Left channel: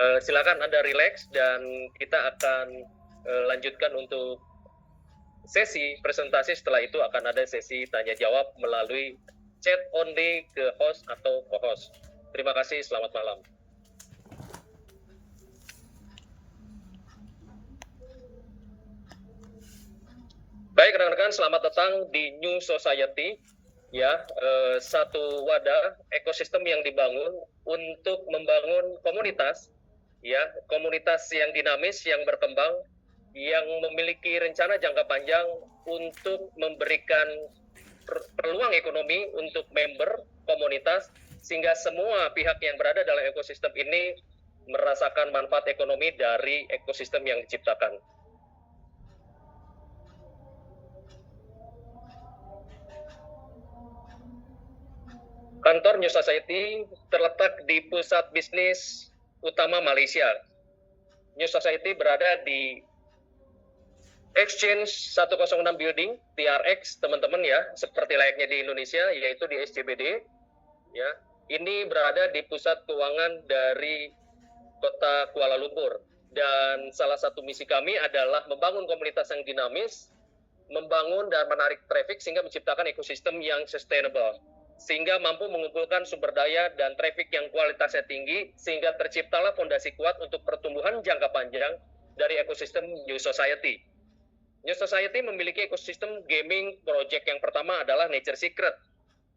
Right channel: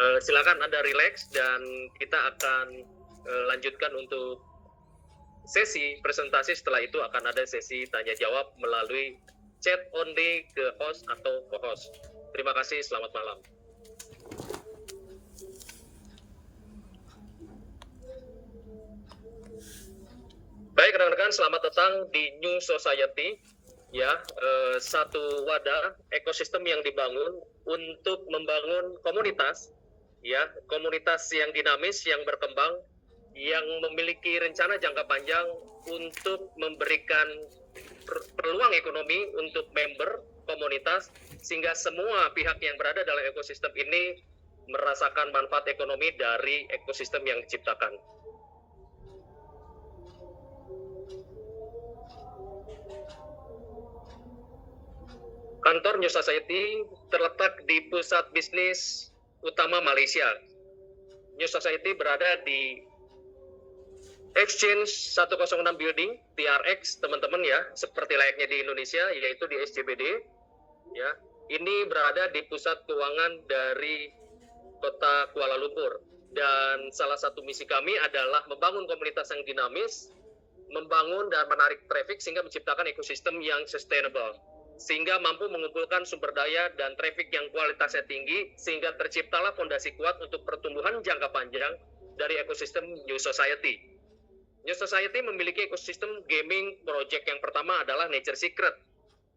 Silakan Anda rileks dan kita akan lanjutkan untuk sesi presentasi. Setelah itu akan ada sesi tanya jawab melalui chat only ke host atau co-host. Terima kasih, selamat malam. Baik rekan-rekan, selamat datang di New Society. Ya, satu wadah ekosistem yang dibangun untuk membangun komunitas, ya, komunitas yang dinamis, yang berkembang, yang memiliki rencana jangka panjang untuk memberikan peluang ekonomi untuk member komunitas, sehingga semua pihak yang berada dalam ekosistem ini merasakan manfaat ekonomi dari ekosistem yang diciptakan. Kantor New Society terletak di pusat bisnis utama Malaysia. New Society berada di Exchange 106 Building, TRX, teman-teman ya, seperti layaknya di Indonesia, yaitu di SCBD. Ya, ini berada di pusat keuangan dari kota Kuala Lumpur. Dan salah satu misi kami adalah membangun komunitas yang dinamis, membangun dan menarik traffic sehingga menciptakan ekosistem yang sustainable, sehingga mampu mengumpulkan sumber daya dan traffic yang kualitasnya tinggi, sehingga terciptalah fondasi kuat untuk pertumbuhan jangka panjang dari ekosistem New Society. New Society memiliki ekosistem gaming project yang pertama adalah Nature Secret.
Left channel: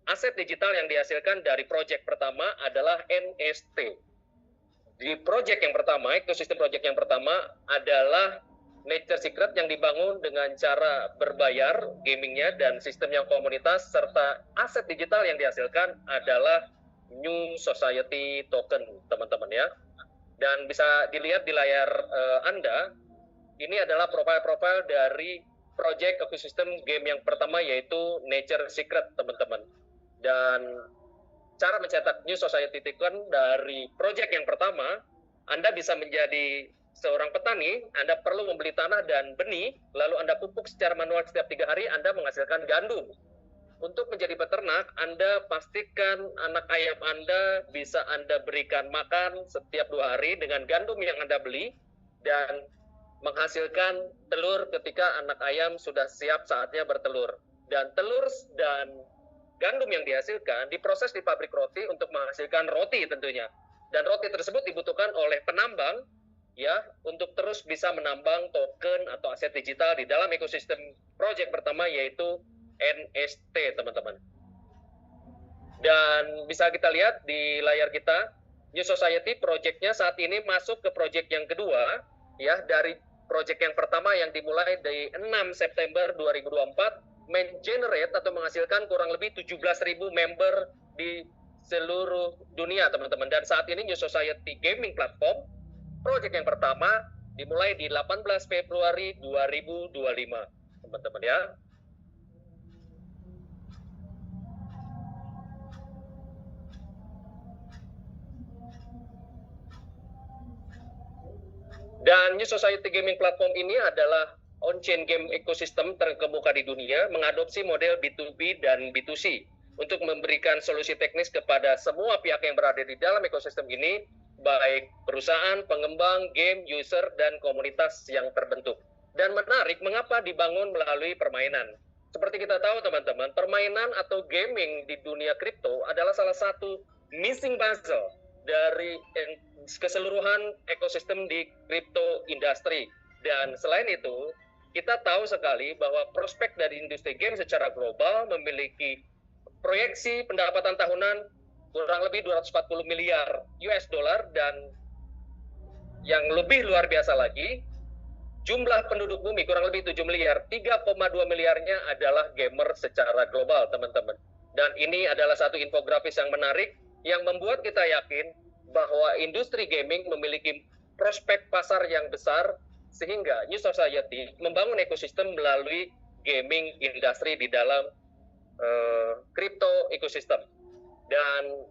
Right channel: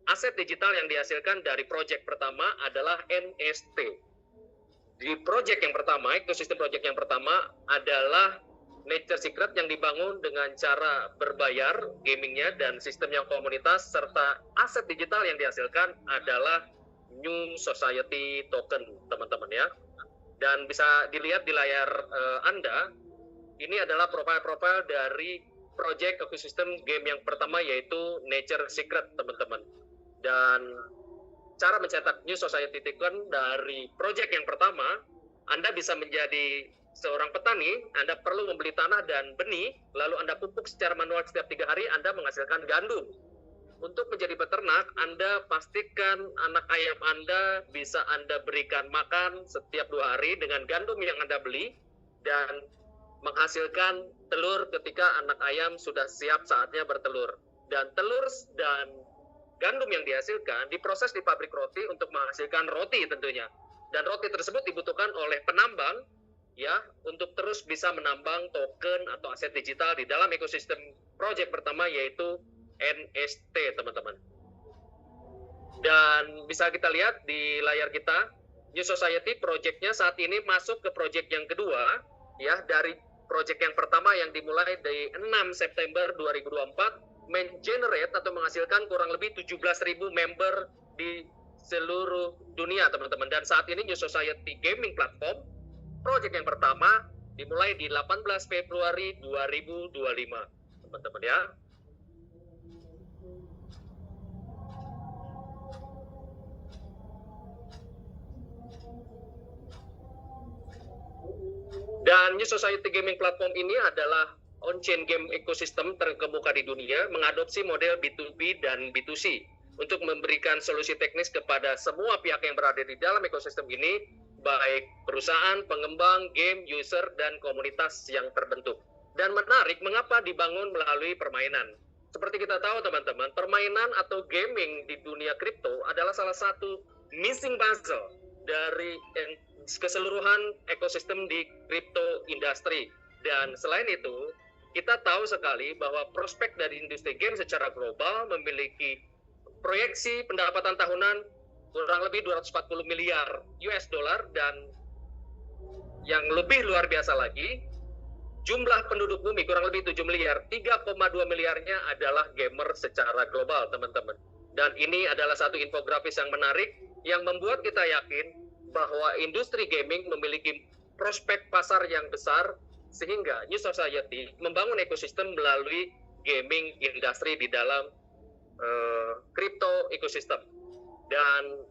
Aset digital yang dihasilkan dari project pertama adalah NFT. Di project yang pertama, ekosistem project yang pertama adalah Nature Secret yang dibangun dengan cara berbayar gamingnya dan sistem yang komunitas, serta aset digital yang dihasilkan adalah New Society Token, teman-teman ya. Dan bisa dilihat di layar Anda, ini adalah profil-profil dari project ekosistem game yang pertama, yaitu Nature Secret, teman-teman. Dan cara mencetak New Society Token dari project yang pertama, Anda bisa menjadi seorang petani. Anda perlu membeli tanah dan benih, lalu Anda pupuk secara manual setiap 3 hari, Anda menghasilkan gandum. Untuk menjadi peternak, Anda pastikan anak ayam Anda bisa Anda berikan makan setiap 2 hari dengan gandum yang Anda beli, dan menghasilkan telur ketika anak ayam sudah siap saatnya bertelur. Dan telur dan gandum yang dihasilkan diproses di pabrik roti untuk menghasilkan roti tentunya. Dan roti tersebut dibutuhkan oleh penambang, ya, untuk terus bisa menambang token atau aset digital di dalam ekosistem project pertama, yaitu NFT, teman-teman. Dan bisa kita lihat di layar kita, New Society project-nya saat ini masuk ke project yang kedua, ya, dari project yang pertama yang dimulai dari 6 September 2024, mengenerate atau menghasilkan kurang lebih 17.000 member di seluruh dunia, teman-teman. Dan saat ini New Society Gaming Platform, project yang pertama dimulai di 18 Februari 2025, teman-teman ya. Dan New Society Gaming Platform ini adalah on-chain game ekosistem terkemuka di dunia, mengadopsi model B2B dan B2C untuk memberikan solusi teknis kepada semua pihak yang berada di dalam ekosistem ini, baik perusahaan, pengembang, game, user, dan komunitas yang terbentuk. Dan menarik, mengapa dibangun melalui permainan? Seperti kita tahu, teman-teman, permainan atau gaming di dunia kripto adalah salah satu missing puzzle dari keseluruhan ekosistem di crypto industry. Dan selain itu, kita tahu sekali bahwa prospek dari industri game secara global memiliki proyeksi pendapatan tahunan kurang lebih 240 miliar US dollar, dan yang lebih luar biasa lagi, jumlah penduduk bumi kurang lebih 7 miliar, 3,2 miliarnya adalah gamer secara global, teman-teman. Dan ini adalah satu infografis yang menarik yang membuat kita yakin bahwa industri gaming memiliki prospek pasar yang besar, sehingga New Society membangun ekosistem melalui gaming industri di dalam crypto ekosistem. Dan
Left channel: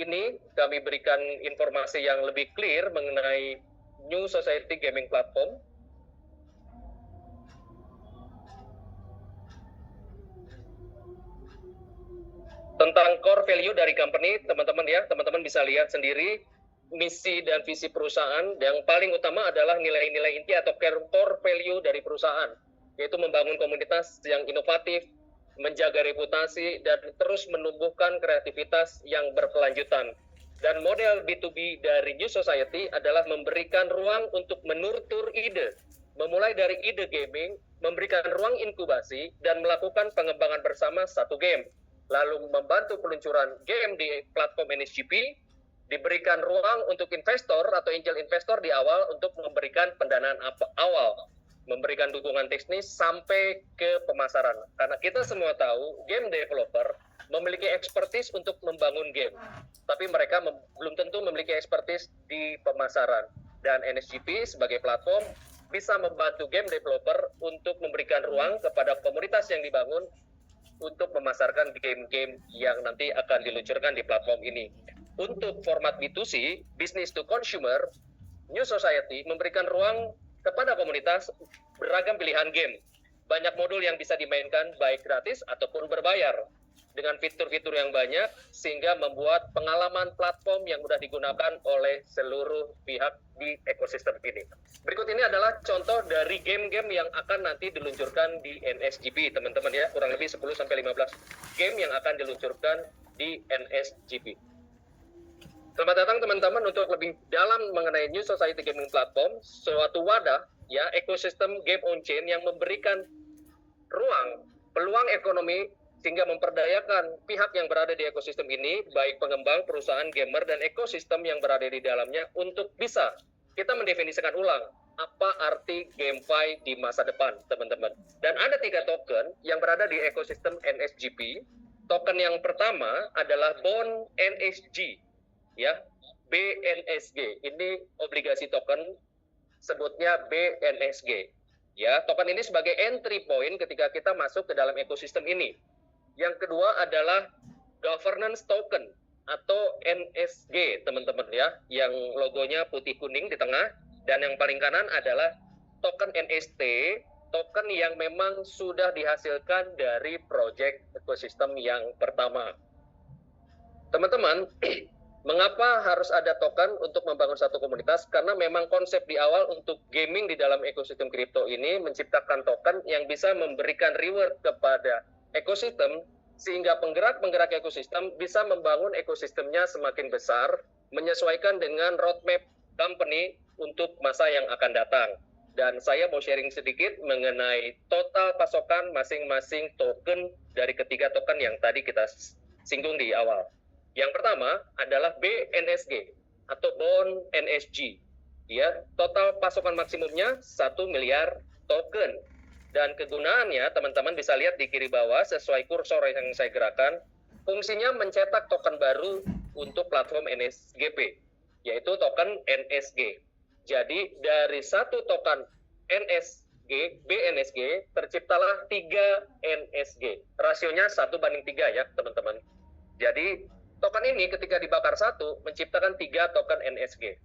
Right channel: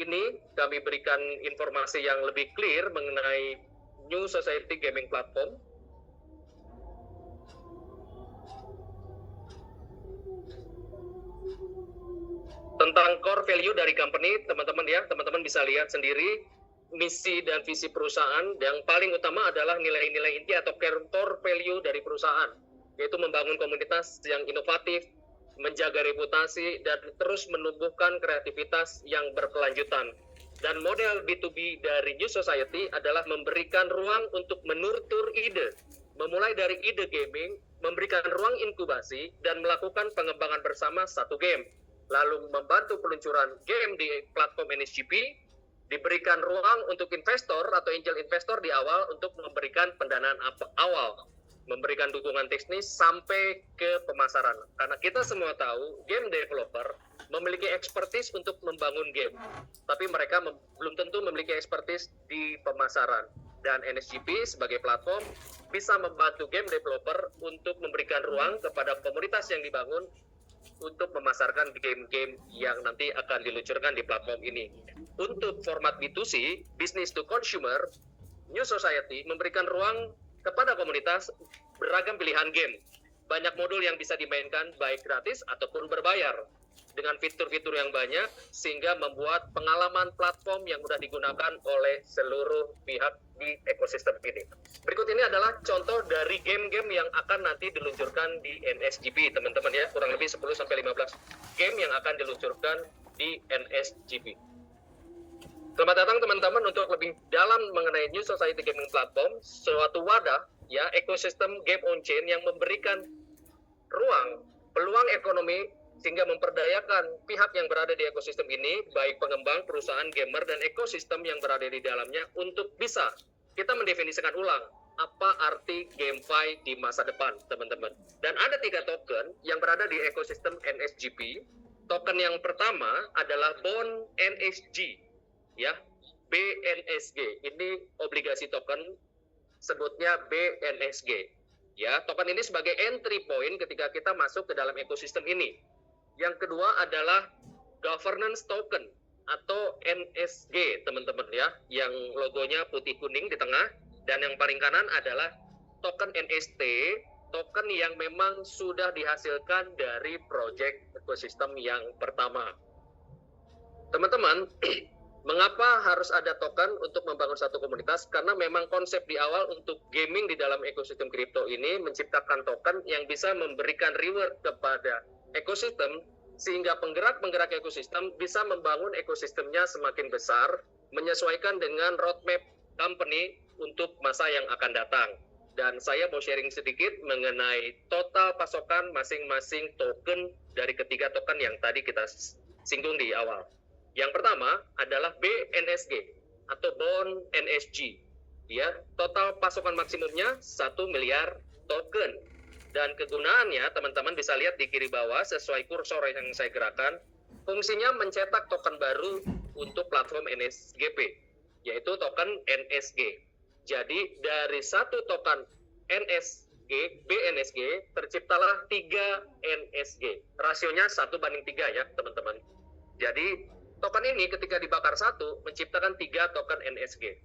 ini kami berikan informasi yang lebih clear mengenai New Society Gaming Platform. Tentang core value dari company, teman-teman ya, teman-teman bisa lihat sendiri misi dan visi perusahaan. Yang paling utama adalah nilai-nilai inti atau core value dari perusahaan, yaitu membangun komunitas yang inovatif, menjaga reputasi, dan terus menumbuhkan kreativitas yang berkelanjutan. Dan model B2B dari New Society adalah memberikan ruang untuk menurtur ide, memulai dari ide gaming, memberikan ruang inkubasi, dan melakukan pengembangan bersama satu game, lalu membantu peluncuran game di platform NSGP, diberikan ruang untuk investor atau angel investor di awal untuk memberikan pendanaan awal, memberikan dukungan teknis sampai ke pemasaran. Karena kita semua tahu game developer memiliki expertise untuk membangun game, tapi mereka belum tentu memiliki expertise di pemasaran. Dan NSGP sebagai platform bisa membantu game developer untuk memberikan ruang kepada komunitas yang dibangun untuk memasarkan game-game yang nanti akan diluncurkan di platform ini. Untuk format B2C, business to consumer, New Society memberikan ruang kepada komunitas beragam pilihan game. Banyak modul yang bisa dimainkan baik gratis ataupun berbayar, dengan fitur-fitur yang banyak sehingga membuat pengalaman platform yang mudah digunakan oleh seluruh pihak di ekosistem ini. Berikut ini adalah contoh dari game-game yang akan nanti diluncurkan di NSGP, teman-teman ya. Kurang lebih 10-15 game yang akan diluncurkan di NSGP. Selamat datang teman-teman untuk lebih dalam mengenai New Society Gaming Platform, suatu wadah ya ekosistem game on chain yang memberikan ruang, peluang ekonomi sehingga memperdayakan pihak yang berada di ekosistem ini, baik pengembang, perusahaan, gamer, dan ekosistem yang berada di dalamnya untuk bisa kita mendefinisikan ulang apa arti GameFi di masa depan, teman-teman. Dan ada 3 token yang berada di ekosistem NSGP. Token yang pertama adalah Bond NSG, ya, BNSG. Ini obligasi token, sebutnya BNSG. Ya, token ini sebagai entry point ketika kita masuk ke dalam ekosistem ini. Yang kedua adalah governance token atau NSG, teman-teman ya, yang logonya putih kuning di tengah, dan yang paling kanan adalah token NST, token yang memang sudah dihasilkan dari project ekosistem yang pertama. Teman-teman, mengapa harus ada token untuk membangun satu komunitas? Karena memang konsep di awal untuk gaming di dalam ekosistem kripto ini menciptakan token yang bisa memberikan reward kepada ekosistem, sehingga penggerak-penggerak ekosistem bisa membangun ekosistemnya semakin besar, menyesuaikan dengan roadmap company untuk masa yang akan datang. Dan saya mau sharing sedikit mengenai total pasokan masing-masing token dari ketiga token yang tadi kita singgung di awal. Yang pertama adalah BNSG atau Bond NSG. Ya, total pasokan maksimumnya 1 miliar token. Dan kegunaannya, teman-teman bisa lihat di kiri bawah sesuai kursor yang saya gerakan, fungsinya mencetak token baru untuk platform NSGP, yaitu token NSG. Jadi dari satu token NSG, BNSG, terciptalah 3 NSG. Rasionya 1:3 ya, teman-teman. Jadi token ini ketika dibakar satu, menciptakan 3 token NSG.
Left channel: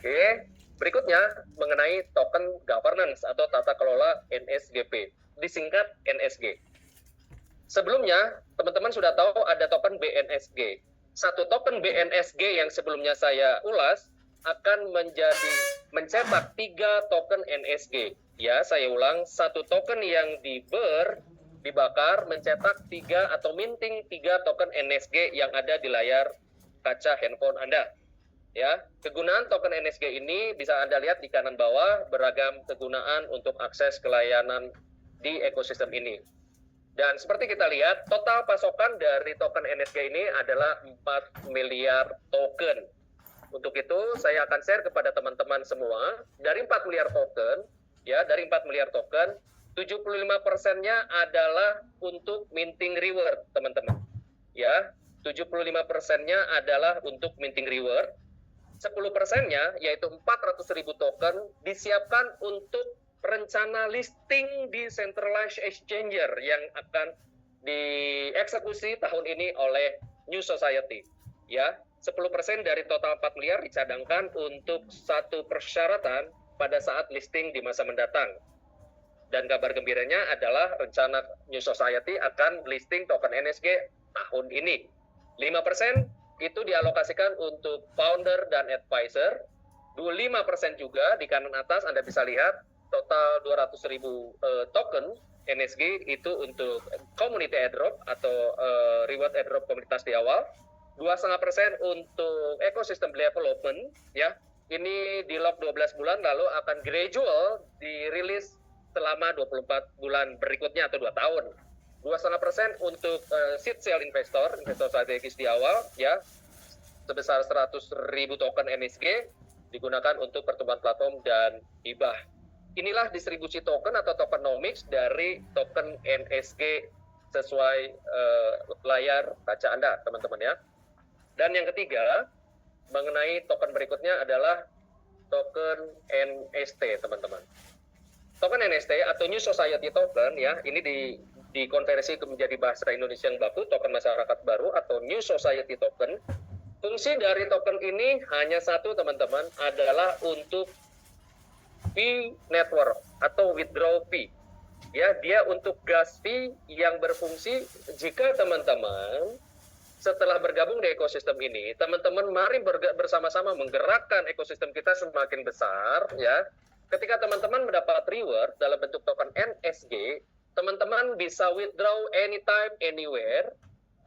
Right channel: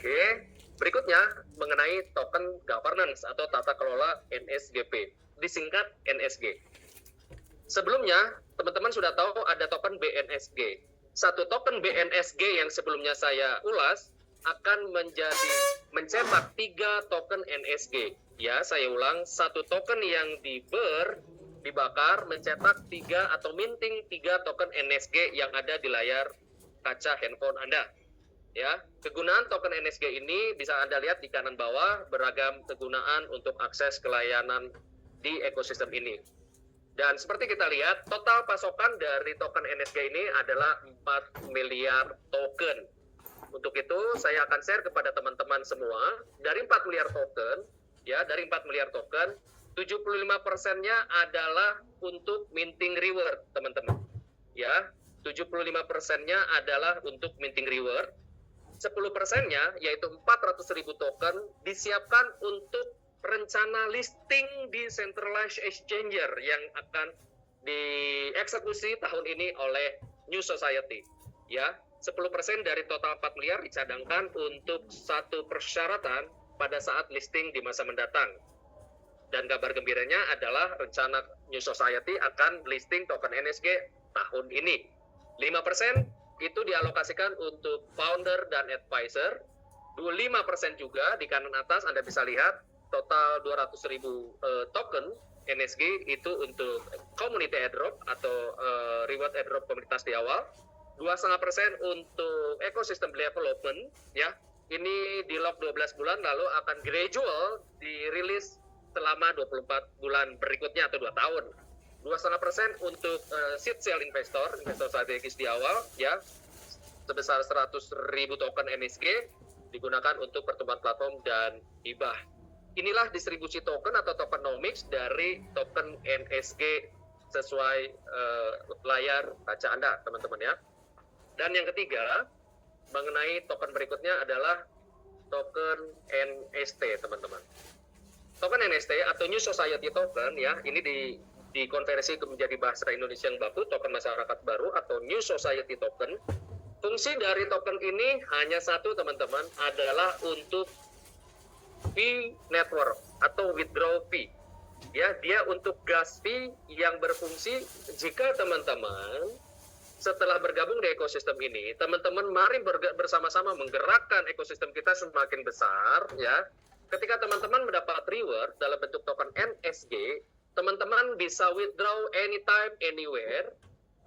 Oke. Berikutnya mengenai token governance atau tata kelola NSGP, disingkat NSG. Sebelumnya, teman-teman sudah tahu ada token BNSG. Satu token BNSG yang sebelumnya saya ulas akan mencetak 3 token NSG. Ya, saya ulang, satu token yang dibakar mencetak 3 atau minting 3 token NSG yang ada di layar kaca handphone Anda. Ya, kegunaan token NSG ini bisa Anda lihat di kanan bawah, beragam kegunaan untuk akses ke layanan di ekosistem ini. Dan seperti kita lihat, total pasokan dari token NSG ini adalah 4 miliar token. Untuk itu, saya akan share kepada teman-teman semua, dari 4 miliar token, ya, dari 4 miliar token, 75%-nya adalah untuk minting reward, teman-teman. Ya, 75%-nya adalah untuk minting reward. 10%-nya, yaitu 400.000 token, disiapkan untuk rencana listing di centralized exchanger yang akan dieksekusi tahun ini oleh New Society. Ya, 10% dari total 4 miliar dicadangkan untuk satu persyaratan pada saat listing di masa mendatang. Dan kabar gembiranya adalah rencana New Society akan listing token NSG tahun ini. 5% itu dialokasikan untuk founder dan advisor. 25% juga di kanan atas Anda bisa lihat total 200.000 token NSG itu untuk community airdrop atau reward airdrop komunitas di awal. 2,5% untuk ecosystem development, ya. Ini di lock 12 bulan lalu akan gradual dirilis selama 24 bulan berikutnya atau 2 tahun. 2,5% untuk seed sale investor strategis di awal, ya, sebesar 100.000 token NSG digunakan untuk pertumbuhan platform dan hibah. Inilah distribusi token atau tokenomics dari token NSG sesuai layar kaca Anda, teman-teman ya. Dan yang ketiga, mengenai token berikutnya adalah token NST, teman-teman. Token NST atau New Society Token, ya, ini dikonversi menjadi bahasa Indonesia yang baku, token masyarakat baru atau New Society Token. Fungsi dari token ini hanya satu, teman-teman, adalah untuk fee network atau withdraw fee. Ya, dia untuk gas fee yang berfungsi jika teman-teman setelah bergabung di ekosistem ini, teman-teman mari bersama-sama menggerakkan ekosistem kita semakin besar, ya. Ketika teman-teman mendapat reward dalam bentuk token NSG, teman-teman bisa withdraw anytime, anywhere,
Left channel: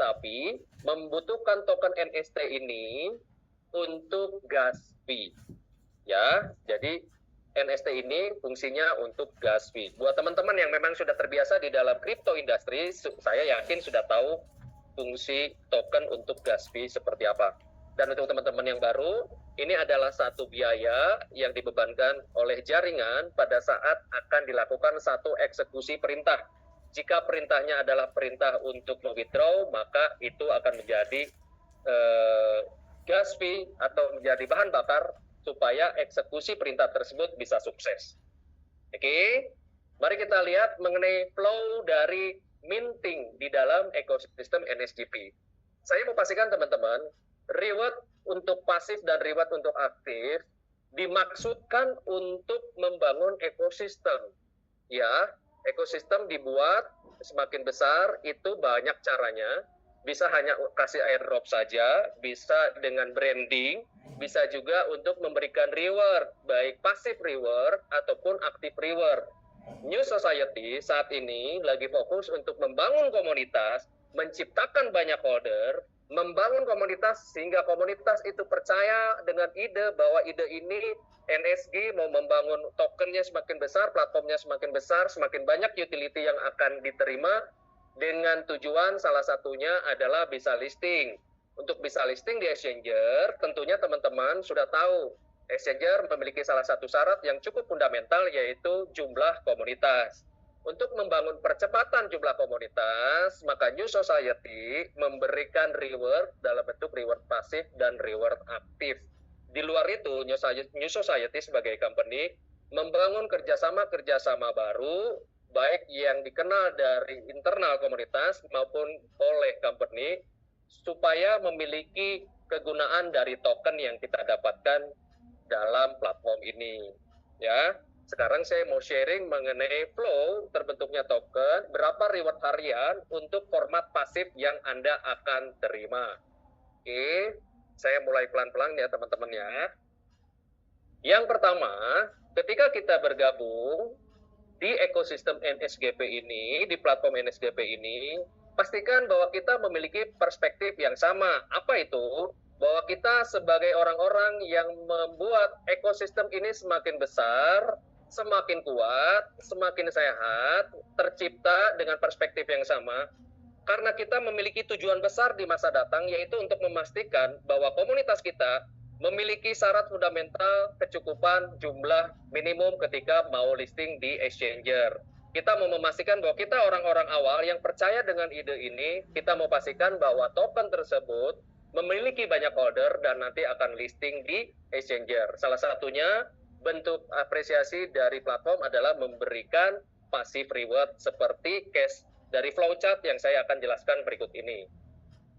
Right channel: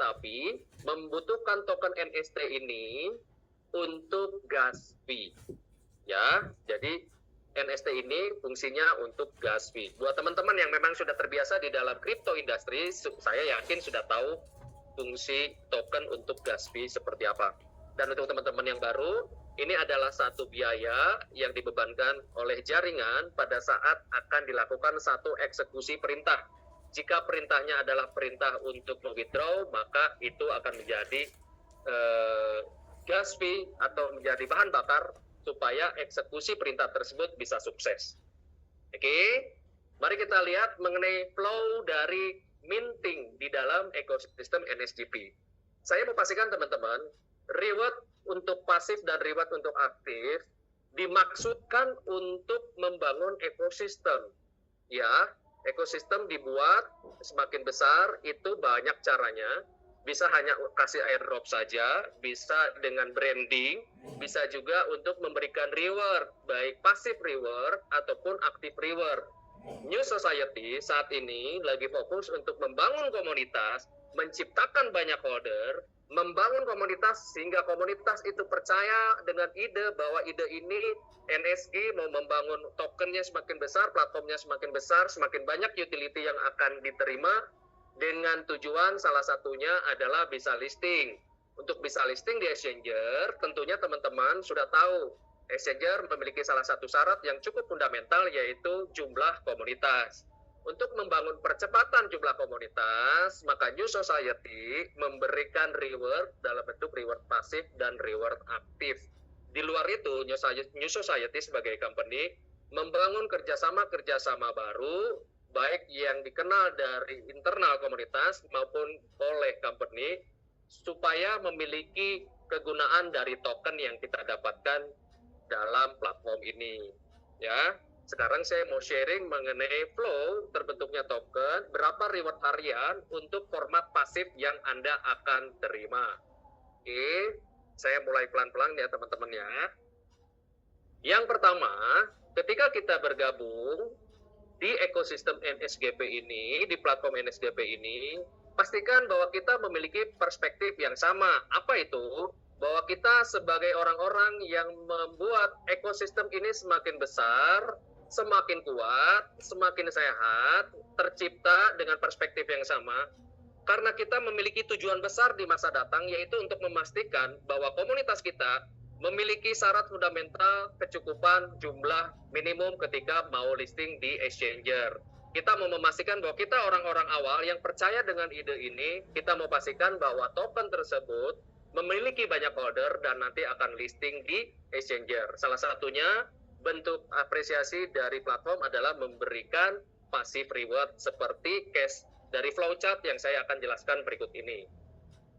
tapi membutuhkan token NST ini untuk gas fee, ya. Jadi NST ini fungsinya untuk gas fee. Buat teman-teman yang memang sudah terbiasa di dalam crypto industry, saya yakin sudah tahu fungsi token untuk gas fee seperti apa. Dan untuk teman-teman yang baru, ini adalah satu biaya yang dibebankan oleh jaringan pada saat akan dilakukan satu eksekusi perintah. Jika perintahnya adalah perintah untuk withdraw, maka itu akan menjadi gas fee atau menjadi bahan bakar supaya eksekusi perintah tersebut bisa sukses. Oke, mari kita lihat mengenai flow dari minting di dalam ekosistem NSGP. Saya mau pastikan teman-teman, reward untuk pasif dan reward untuk aktif dimaksudkan untuk membangun ekosistem. Ya, ekosistem dibuat semakin besar, itu banyak caranya. Bisa hanya kasih airdrop saja, bisa dengan branding, bisa juga untuk memberikan reward, baik pasif reward ataupun aktif reward. New Society saat ini lagi fokus untuk membangun komunitas, menciptakan banyak holder, membangun komunitas sehingga komunitas itu percaya dengan ide bahwa ide ini NSG mau membangun tokennya semakin besar, platformnya semakin besar, semakin banyak utility yang akan diterima dengan tujuan salah satunya adalah bisa listing. Untuk bisa listing di exchanger, tentunya teman-teman sudah tahu exchanger memiliki salah satu syarat yang cukup fundamental, yaitu jumlah komunitas. Untuk membangun percepatan jumlah komunitas, maka New Society memberikan reward dalam bentuk reward pasif dan reward aktif. Di luar itu, New Society sebagai company membangun kerjasama baru, baik yang dikenal dari internal komunitas maupun oleh company, supaya memiliki kegunaan dari token yang kita dapatkan dalam platform ini, ya. Sekarang saya mau sharing mengenai flow terbentuknya token, berapa reward harian untuk format pasif yang Anda akan terima. Oke, saya mulai pelan-pelan ya teman-teman ya. Yang pertama, ketika kita bergabung di ekosistem NSGP ini, di platform NSGP ini, pastikan bahwa kita memiliki perspektif yang sama. Apa itu? Bahwa kita sebagai orang-orang yang membuat ekosistem ini semakin besar, semakin kuat, semakin sehat, tercipta dengan perspektif yang sama. Karena kita memiliki tujuan besar di masa datang, yaitu untuk memastikan bahwa komunitas kita memiliki syarat fundamental kecukupan jumlah minimum ketika mau listing di exchanger. Kita mau memastikan bahwa kita orang-orang awal yang percaya dengan ide ini, kita mau pastikan bahwa token tersebut memiliki banyak holder dan nanti akan listing di exchanger. Salah satunya bentuk apresiasi dari platform adalah memberikan passive reward seperti cash dari flowchart yang saya akan jelaskan berikut ini.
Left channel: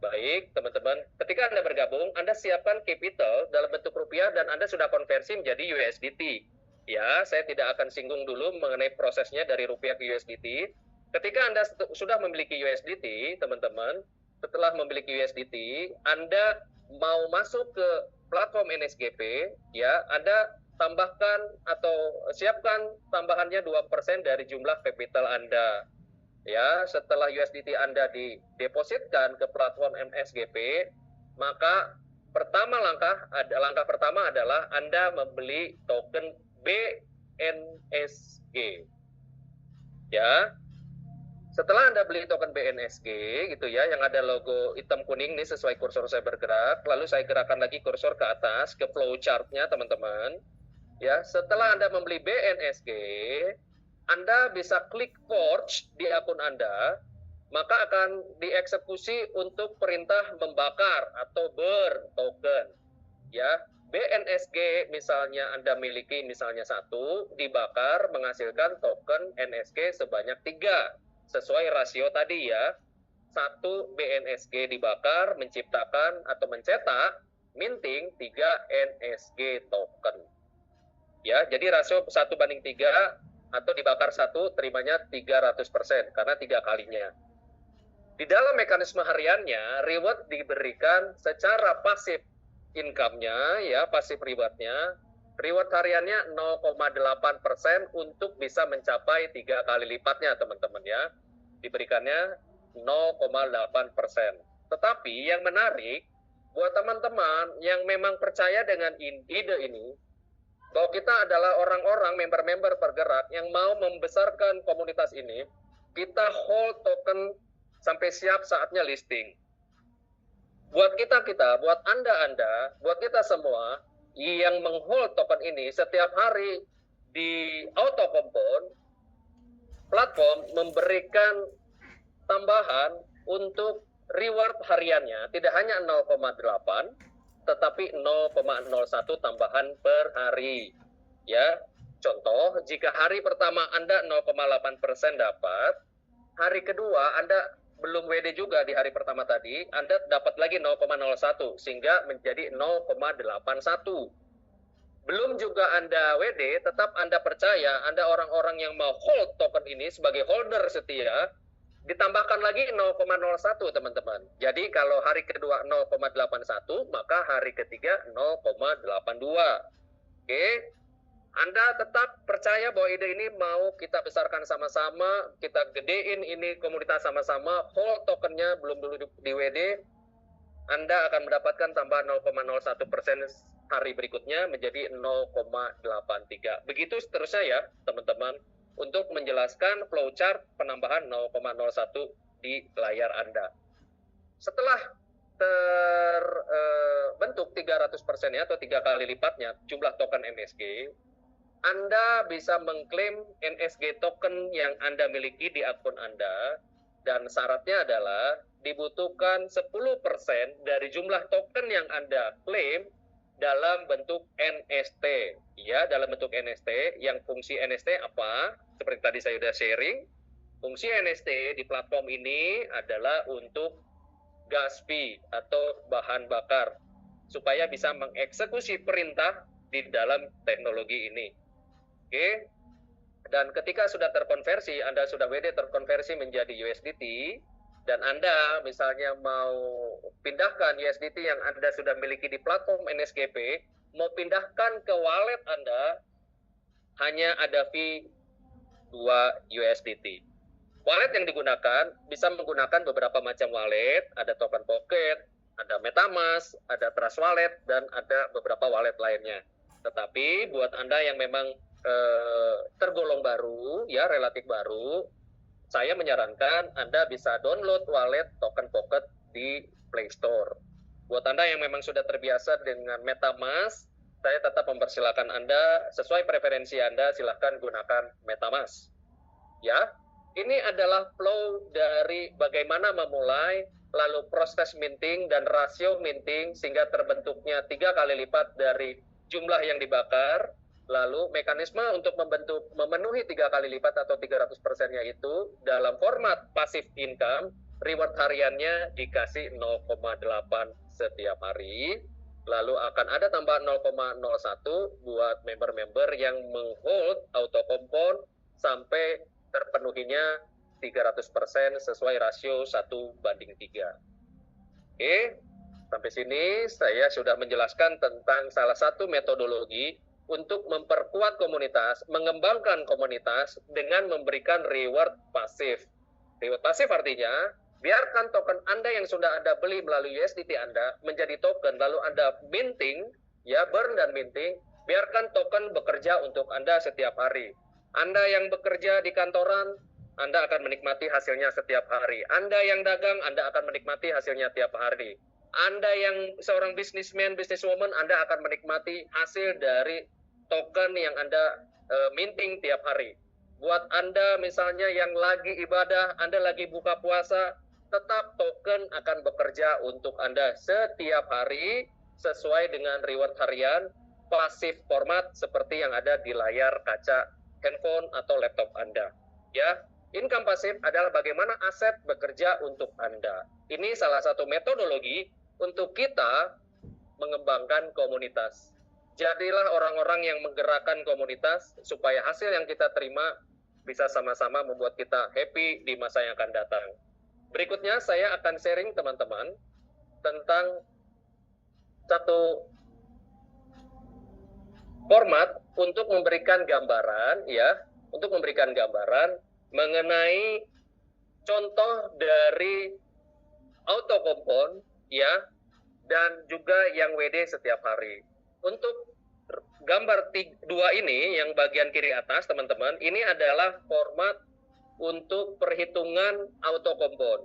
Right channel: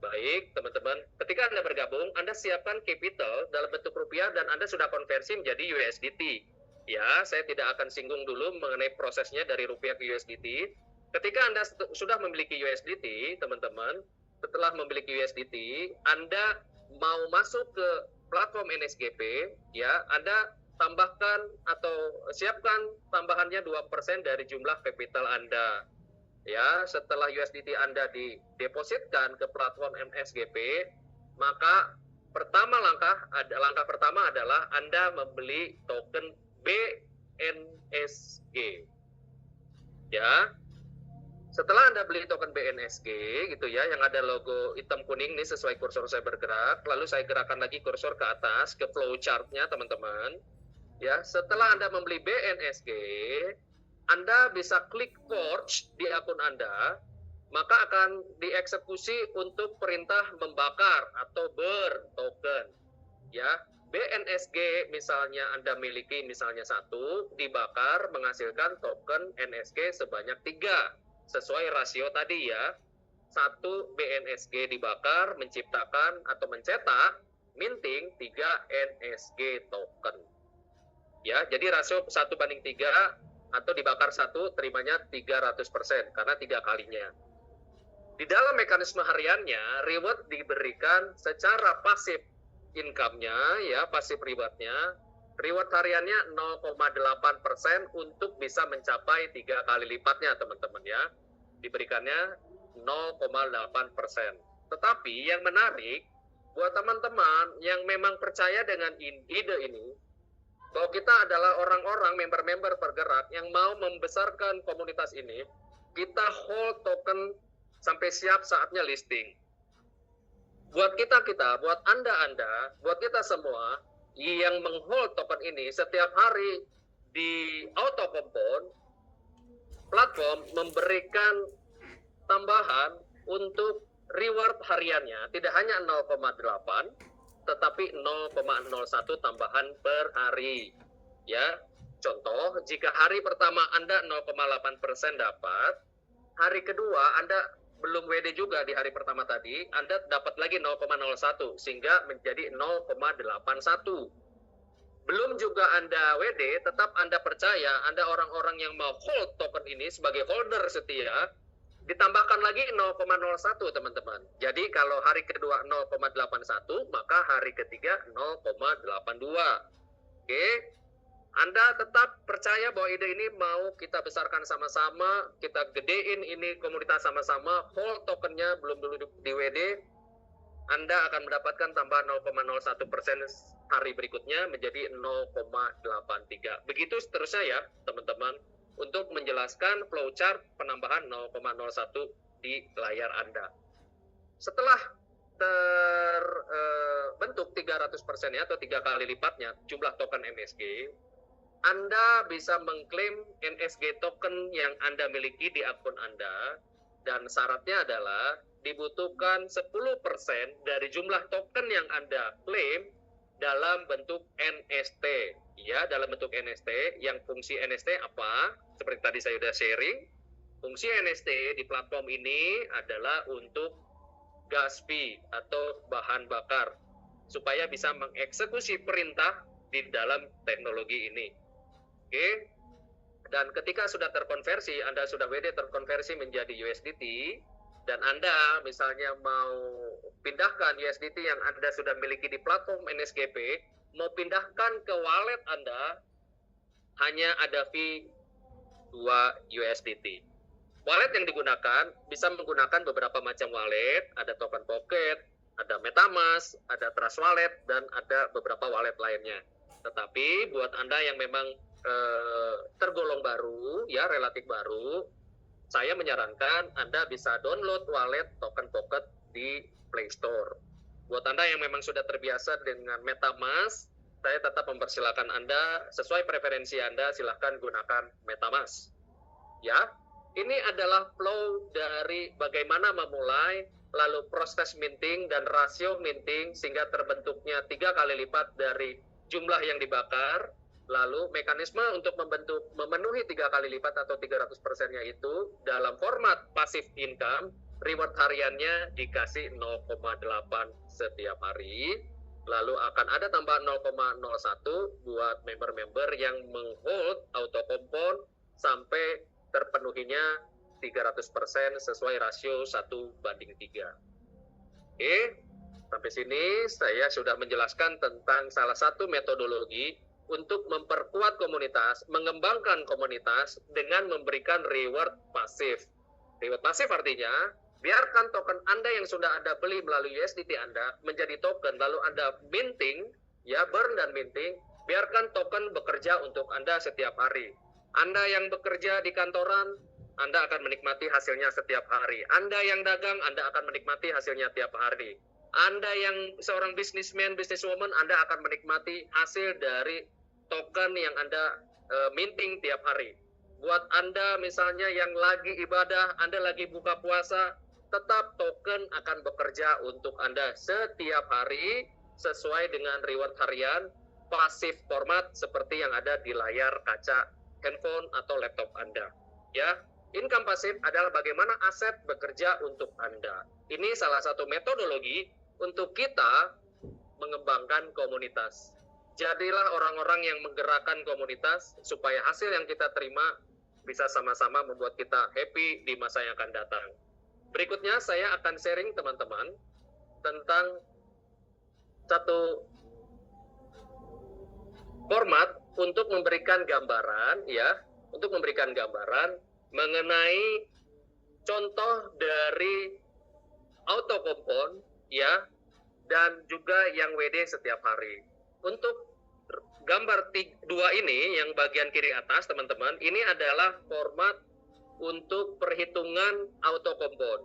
Baik, teman-teman, ketika Anda bergabung, Anda siapkan capital dalam bentuk rupiah dan Anda sudah konversi menjadi USDT. Ya, saya tidak akan singgung dulu mengenai prosesnya dari rupiah ke USDT. Ketika Anda sudah memiliki USDT, teman-teman, setelah memiliki USDT, Anda mau masuk ke platform NSGP, ya, Anda tambahkan atau siapkan tambahannya 2% dari jumlah capital Anda. Ya, setelah USDT Anda didepositkan ke platform NSGP, maka langkah pertama adalah Anda membeli token BNSG. Ya. Setelah Anda beli token BNSG gitu ya, yang ada logo hitam kuning nih sesuai kursor saya bergerak, lalu saya gerakkan lagi kursor ke atas ke flow chart-nya teman-teman. Ya, setelah Anda membeli BNSG, Anda bisa klik forge di akun Anda, maka akan dieksekusi untuk perintah membakar atau burn token. Ya, BNSG misalnya Anda miliki misalnya 1, dibakar menghasilkan token NSG sebanyak 3. Sesuai rasio tadi ya, 1 BNSG dibakar menciptakan atau mencetak minting 3 NSG token. Ya, jadi rasio 1:3 atau dibakar 1 terimanya 300% karena 3 kalinya. Di dalam mekanisme hariannya, reward diberikan secara pasif income-nya, ya, pasif reward-nya. Reward hariannya 0,8% untuk bisa mencapai 3 kali lipatnya, teman-teman ya. Diberikannya 0,8%. Tetapi yang menarik, buat teman-teman yang memang percaya dengan ide ini, bahwa kita adalah orang-orang member-member bergerak yang mau membesarkan komunitas ini, kita hold token sampai siap saatnya listing. Buat kita, buat Anda, buat kita semua yang menghold token ini setiap hari di auto compound, platform memberikan tambahan untuk reward hariannya tidak hanya 0,8 tetapi 0,01 tambahan per hari. Ya, contoh, jika hari pertama Anda 0,8% dapat, hari kedua Anda belum WD juga di hari pertama tadi, Anda dapat lagi 0,01 sehingga menjadi 0,81. Belum juga Anda WD, tetap Anda percaya, Anda orang-orang yang mau hold token ini sebagai holder setia, ditambahkan lagi 0,01 teman-teman. Jadi kalau hari kedua 0,81, maka hari ketiga 0,82. Oke. Anda tetap percaya bahwa ide ini mau kita besarkan sama-sama, kita gedein ini komunitas sama-sama, hold tokennya belum dulu di WD, Anda akan mendapatkan tambahan 0,01% hari berikutnya menjadi 0,83. Begitu seterusnya ya teman-teman, untuk menjelaskan flowchart penambahan 0,01 di layar Anda. Setelah terbentuk 300% ya, atau 3 kali lipatnya jumlah token NSG, Anda bisa mengklaim NSG token yang Anda miliki di akun Anda, dan syaratnya adalah dibutuhkan 10% dari jumlah token yang Anda klaim dalam bentuk NST. Ya, dalam bentuk NST, yang fungsi NST apa? Seperti tadi saya sudah sharing, fungsi NST di platform ini adalah untuk gas fee atau bahan bakar, supaya bisa mengeksekusi perintah di dalam teknologi ini. Oke, dan ketika sudah terkonversi, Anda sudah WD terkonversi menjadi USDT, dan Anda misalnya mau pindahkan USDT yang Anda sudah miliki di platform NSGP, mau pindahkan ke wallet Anda, hanya ada fee 2 USDT. Wallet yang digunakan bisa menggunakan beberapa macam wallet, ada Token Pocket, ada MetaMask, ada Trust Wallet, dan ada beberapa wallet lainnya. Tetapi buat Anda yang memang tergolong baru, ya relatif baru, saya menyarankan Anda bisa download wallet Token Pocket di Play Store. Buat Anda yang memang sudah terbiasa dengan MetaMask, saya tetap mempersilahkan Anda, sesuai preferensi Anda, silahkan gunakan MetaMask. Ya, ini adalah flow dari bagaimana memulai, lalu proses minting dan rasio minting sehingga terbentuknya 3 kali lipat dari jumlah yang dibakar. Lalu mekanisme untuk memenuhi 3 kali lipat atau 300%-nya itu dalam format passive income, reward hariannya dikasih 0,8 setiap hari. Lalu akan ada tambahan 0,01 buat member-member yang menghold auto compound sampai terpenuhinya 300% sesuai rasio 1:3. Oke. Sampai sini saya sudah menjelaskan tentang salah satu metodologi untuk memperkuat komunitas, mengembangkan komunitas dengan memberikan reward pasif. Reward pasif artinya, biarkan token Anda yang sudah Anda beli melalui USDT Anda menjadi token, lalu Anda minting, ya burn dan minting, biarkan token bekerja untuk Anda setiap hari. Anda yang bekerja di kantoran, Anda akan menikmati hasilnya setiap hari. Anda yang dagang, Anda akan menikmati hasilnya tiap hari. Anda yang seorang businessman, businesswoman, Anda akan menikmati hasil dari token yang Anda minting tiap hari. Buat Anda misalnya yang lagi ibadah, Anda lagi buka puasa, tetap token akan bekerja untuk Anda setiap hari sesuai dengan reward harian pasif format seperti yang ada di layar kaca handphone atau laptop Anda. Ya, income pasif adalah bagaimana aset bekerja untuk Anda. Ini salah satu metodologi untuk kita mengembangkan komunitas. Jadilah orang-orang yang menggerakkan komunitas supaya hasil yang kita terima bisa sama-sama membuat kita happy di masa yang akan datang. Berikutnya saya akan sharing teman-teman tentang satu format untuk memberikan gambaran, ya, untuk memberikan gambaran mengenai contoh dari auto compound, ya, dan juga yang WD setiap hari. Untuk gambar 2 ini, yang bagian kiri atas, teman-teman, ini adalah format untuk perhitungan auto compound.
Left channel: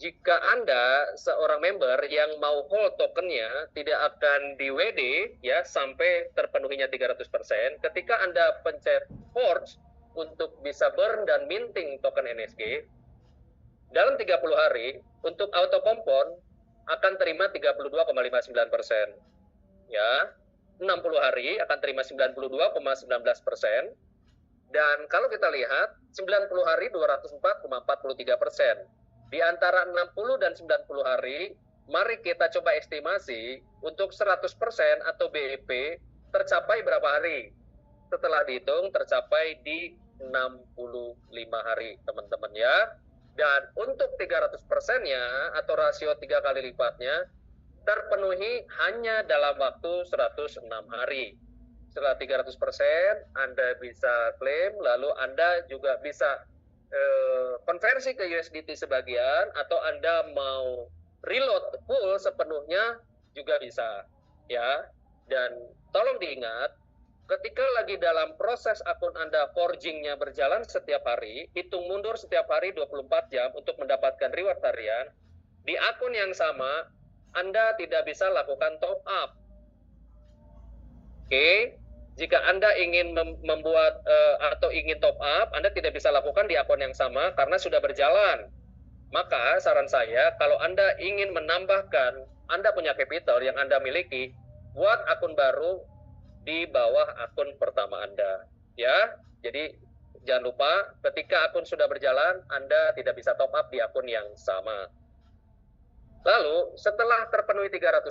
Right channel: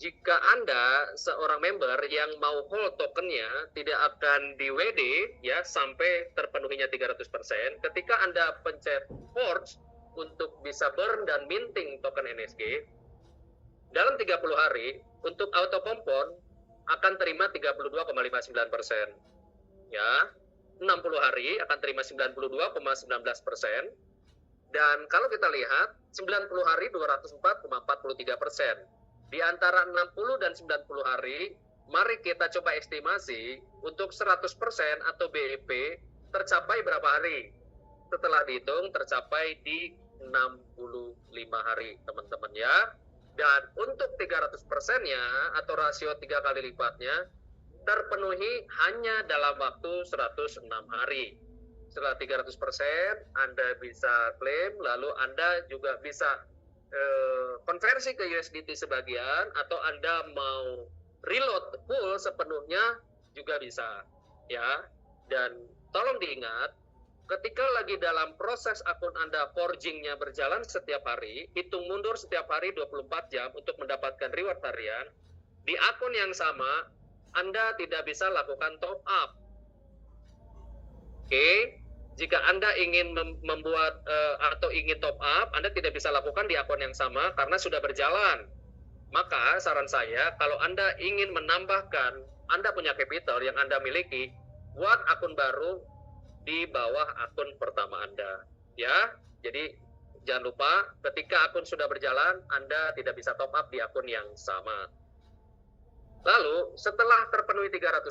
Jika Anda seorang member yang mau hold tokennya tidak akan di WD, ya, sampai terpenuhinya 300%, ketika Anda pencet forge untuk bisa burn dan minting token NSG, dalam 30 hari, untuk auto compound akan terima 32,59%. Ya, 60 hari akan terima 92,19%. Dan kalau kita lihat, 90 hari 204,43%. Di antara 60 dan 90 hari, mari kita coba estimasi untuk 100% atau BEP tercapai berapa hari? Setelah dihitung, tercapai di 65 hari, teman-teman ya. Dan untuk 300%-nya atau rasio 3 kali lipatnya terpenuhi hanya dalam waktu 106 hari. Setelah 300%, Anda bisa klaim, lalu Anda juga bisa konversi ke USDT sebagian, atau Anda mau reload full sepenuhnya juga bisa, ya. Dan tolong diingat, ketika lagi dalam proses akun Anda forging-nya berjalan setiap hari, hitung mundur setiap hari 24 jam untuk mendapatkan reward harian, di akun yang sama, Anda tidak bisa lakukan top up. Oke, jika Anda ingin membuat atau ingin top up, Anda tidak bisa lakukan di akun yang sama karena sudah berjalan. Maka saran saya, kalau Anda ingin menambahkan, Anda punya capital yang Anda miliki, buat akun baru di bawah akun pertama Anda. Ya, jadi jangan lupa ketika akun sudah berjalan, Anda tidak bisa top up di akun yang sama. Lalu setelah terpenuhi 300%,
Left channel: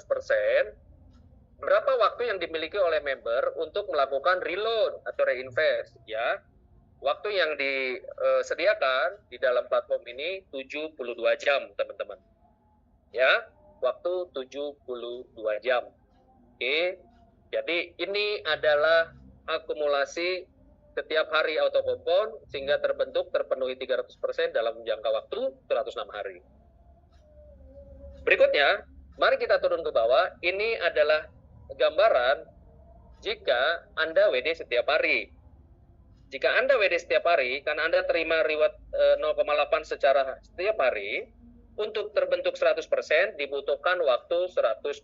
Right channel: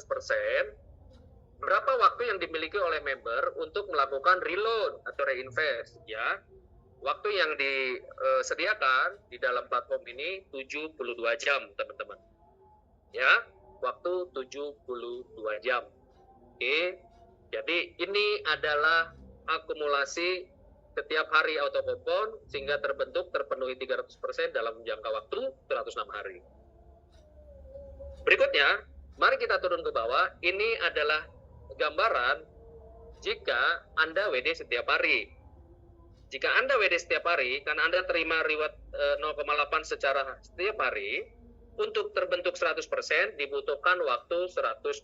berapa waktu yang dimiliki oleh member untuk melakukan reload atau reinvest, ya? Waktu yang disediakan di dalam platform ini 72 jam, teman-teman. Ya, waktu 72 jam. Oke. Jadi ini adalah akumulasi setiap hari auto compound sehingga terpenuhi 300% dalam jangka waktu 106 hari. Berikutnya, mari kita turun ke bawah. Ini adalah gambaran jika Anda WD setiap hari. Jika Anda WD setiap hari, karena Anda terima reward 0,8 secara setiap hari, untuk terbentuk 100% dibutuhkan waktu 125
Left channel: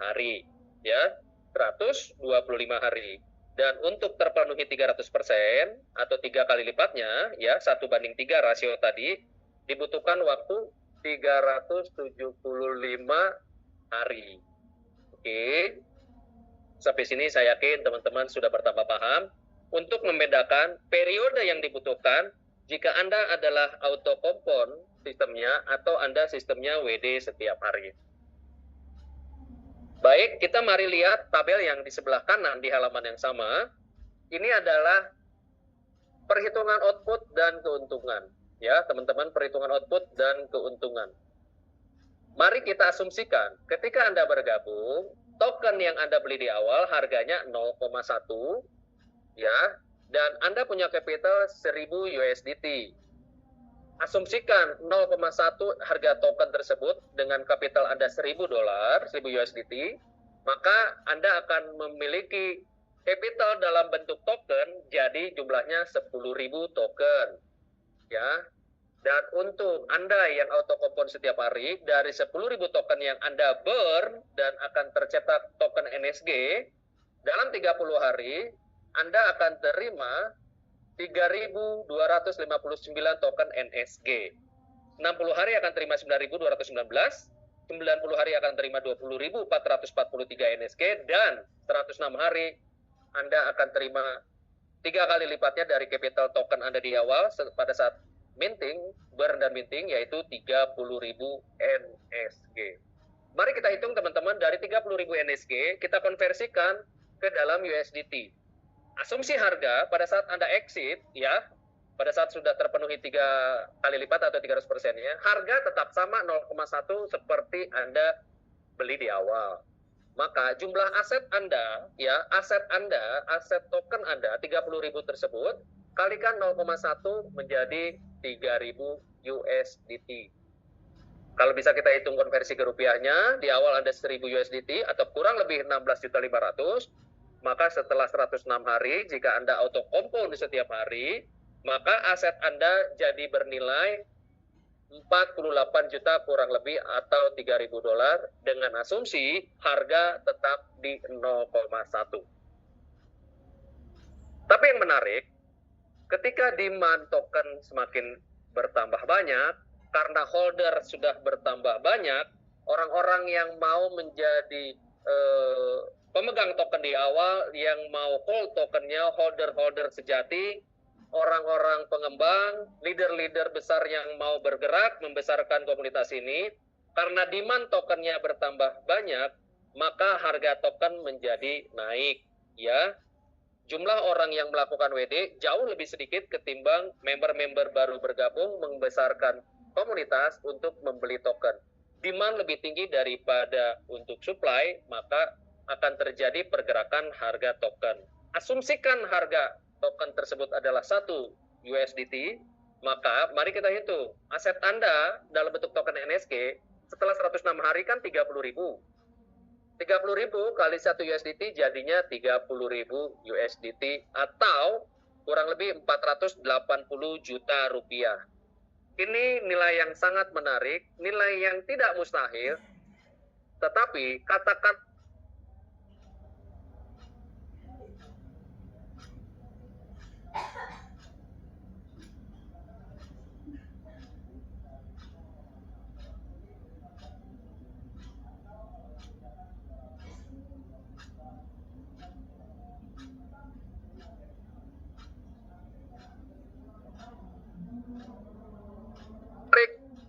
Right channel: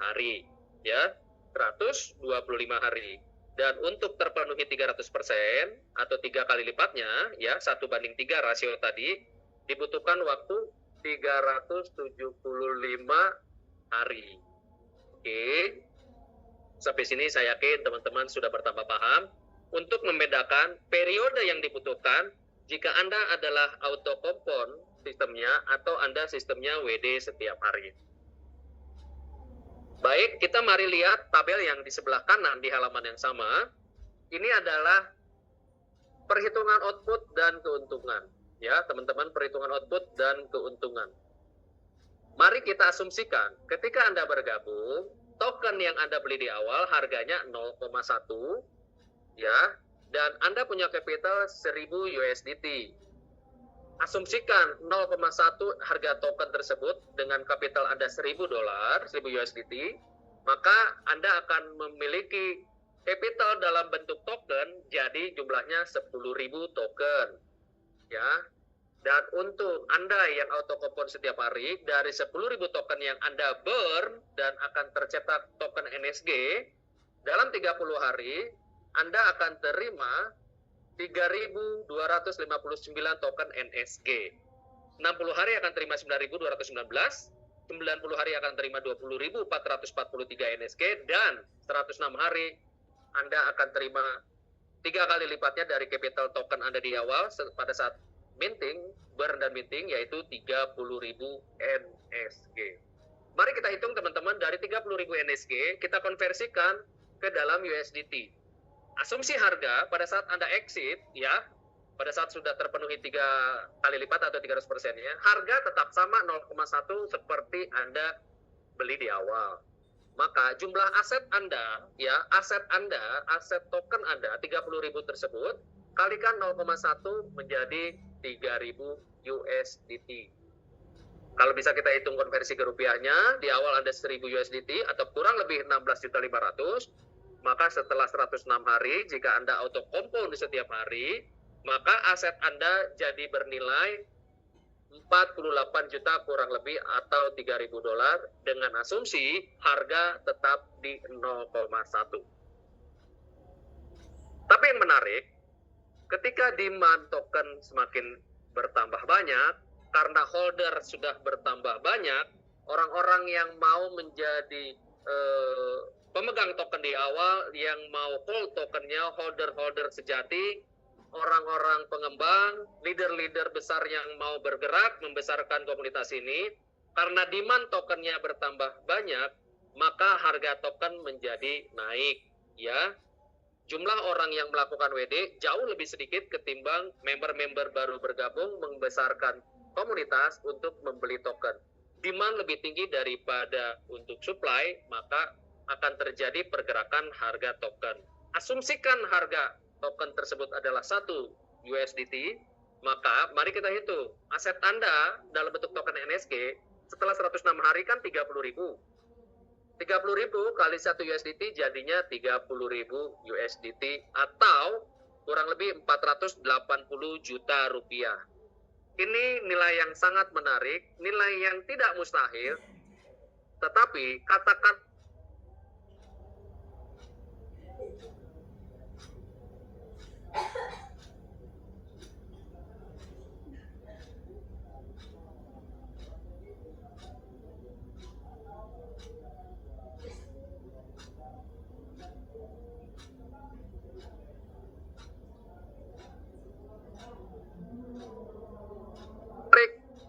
hari. Ya, 125 hari. Dan untuk terpenuhi 300% atau 3 kali lipatnya, ya, 1:3 rasio tadi, dibutuhkan waktu 375 hari. Oke, sampai sini saya yakin teman-teman sudah bertambah paham. Untuk membedakan periode yang dibutuhkan jika Anda adalah auto compound sistemnya atau Anda sistemnya WD setiap hari. Baik, kita mari lihat tabel yang di sebelah kanan di halaman yang sama. Ini adalah perhitungan output dan keuntungan. Ya, teman-teman, perhitungan output dan keuntungan. Mari kita asumsikan ketika Anda bergabung, token yang Anda beli di awal harganya 0,1 ya, dan Anda punya capital 1000 USDT. Asumsikan 0,1 harga token tersebut dengan kapital Anda $1000, 1000 USDT, maka Anda akan memiliki capital dalam bentuk token jadi jumlahnya 10.000 token. Ya. Dan untuk Anda yang auto kompon setiap hari, dari 10.000 token yang Anda burn dan akan tercetak token NSG, dalam 30 hari Anda akan terima 3.259 token NSG. 60 hari akan terima 9.219, 90 hari akan terima 20.443 NSG, dan 106 hari Anda akan terima 3 kali lipatnya dari capital token Anda di awal pada saat minting, burn dan minting, yaitu 30.000 NSG. Mari kita hitung teman-teman, dari 30.000 NSG kita konversikan ke dalam USDT. Asumsi harga pada saat Anda exit, ya, pada saat sudah terpenuhi 3 kali lipat atau 300%-nya, harga tetap sama 0,1 seperti Anda beli di awal. Maka jumlah aset Anda, ya, aset token Anda 30.000 tersebut kalikan 0,1 menjadi 3.000 USDT. Kalau bisa kita hitung konversi ke rupiahnya, di awal Anda 1.000 USDT atau kurang lebih 16.500.000, maka setelah 106 hari, jika Anda auto kompon di setiap hari, maka aset Anda jadi bernilai 48 juta kurang lebih atau $3.000 dengan asumsi harga tetap di 0,1. Tapi yang menarik, ketika demand token semakin bertambah banyak, karena holder sudah bertambah banyak, orang-orang yang mau menjadi pemegang token di awal, yang mau hold tokennya, holder-holder sejati, orang-orang pengembang, leader-leader besar yang mau bergerak membesarkan komunitas ini, karena demand tokennya bertambah banyak, maka harga token menjadi naik, ya. Jumlah orang yang melakukan WD jauh lebih sedikit ketimbang member-member baru bergabung membesarkan komunitas untuk membeli token. Demand lebih tinggi daripada untuk supply, maka akan terjadi pergerakan harga token. Asumsikan harga token tersebut adalah 1 USDT, maka mari kita hitung aset Anda dalam bentuk token NSG setelah 106 hari kan 30.000. 30.000 kali 1 USDT jadinya 30.000 USDT atau kurang lebih 480 juta rupiah. Ini nilai yang sangat menarik, nilai yang tidak mustahil, tetapi katakan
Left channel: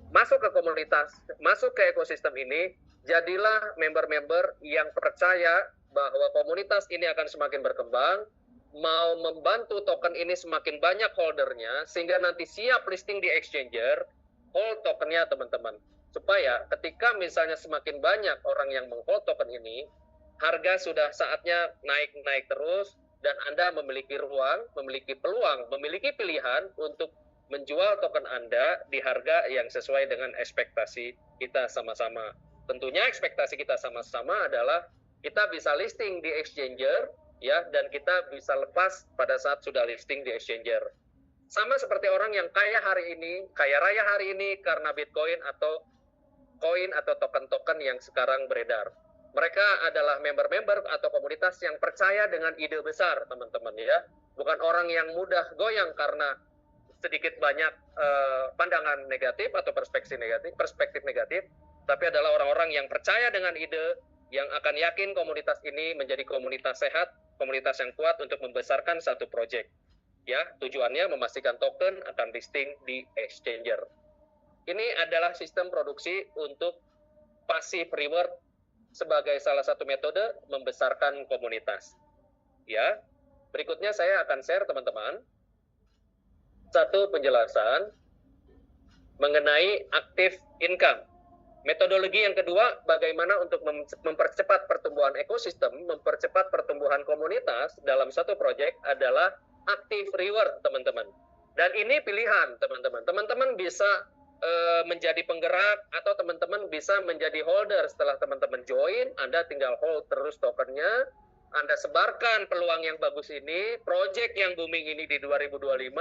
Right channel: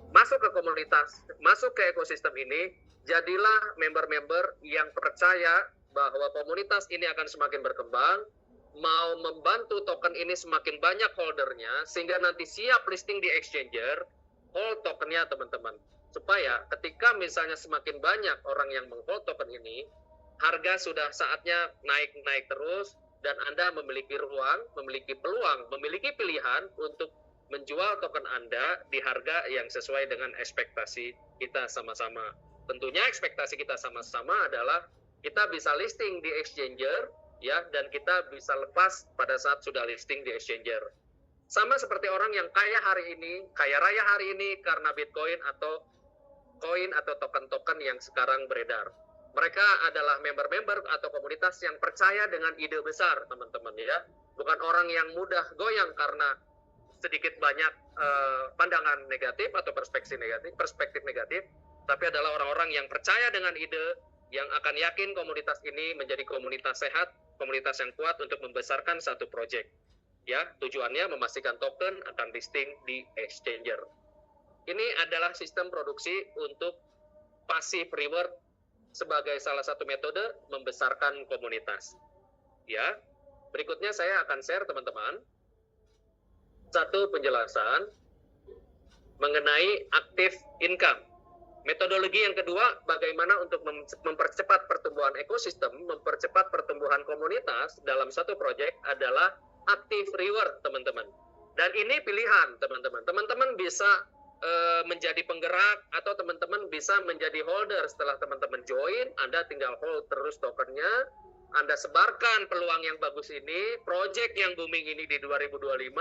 masuk ke komunitas, masuk ke ekosistem ini, jadilah member-member yang percaya bahwa komunitas ini akan semakin berkembang, mau membantu token ini semakin banyak holdernya, sehingga nanti siap listing di exchanger, hold tokennya teman-teman. Supaya ketika misalnya semakin banyak orang yang meng-hold token ini, harga sudah saatnya naik-naik terus, dan Anda memiliki ruang, memiliki peluang, memiliki pilihan untuk menjual token Anda di harga yang sesuai dengan ekspektasi kita sama-sama. Tentunya ekspektasi kita sama-sama adalah kita bisa listing di exchanger, ya, dan kita bisa lepas pada saat sudah listing di exchanger. Sama seperti orang yang kaya hari ini, kaya raya hari ini karena Bitcoin atau koin atau token-token yang sekarang beredar. Mereka adalah member-member atau komunitas yang percaya dengan ide besar, teman-teman, ya. Bukan orang yang mudah goyang karena sedikit banyak pandangan negatif atau perspektif negatif, tapi adalah orang-orang yang percaya dengan ide, yang akan yakin komunitas ini menjadi komunitas sehat, komunitas yang kuat untuk membesarkan satu proyek. Ya, tujuannya memastikan token akan listing di exchanger. Ini adalah sistem produksi untuk passive reward sebagai salah satu metode membesarkan komunitas. Ya, berikutnya saya akan share teman-teman satu penjelasan mengenai active income. Metodologi yang kedua, bagaimana untuk mempercepat pertumbuhan ekosistem, mempercepat pertumbuhan komunitas dalam satu proyek adalah active reward, teman-teman. Dan ini pilihan, teman-teman. Teman-teman bisa menjadi penggerak atau teman-teman bisa menjadi holder. Setelah teman-teman join, Anda tinggal hold terus tokennya. Anda sebarkan peluang yang bagus ini, proyek yang booming ini di 2025,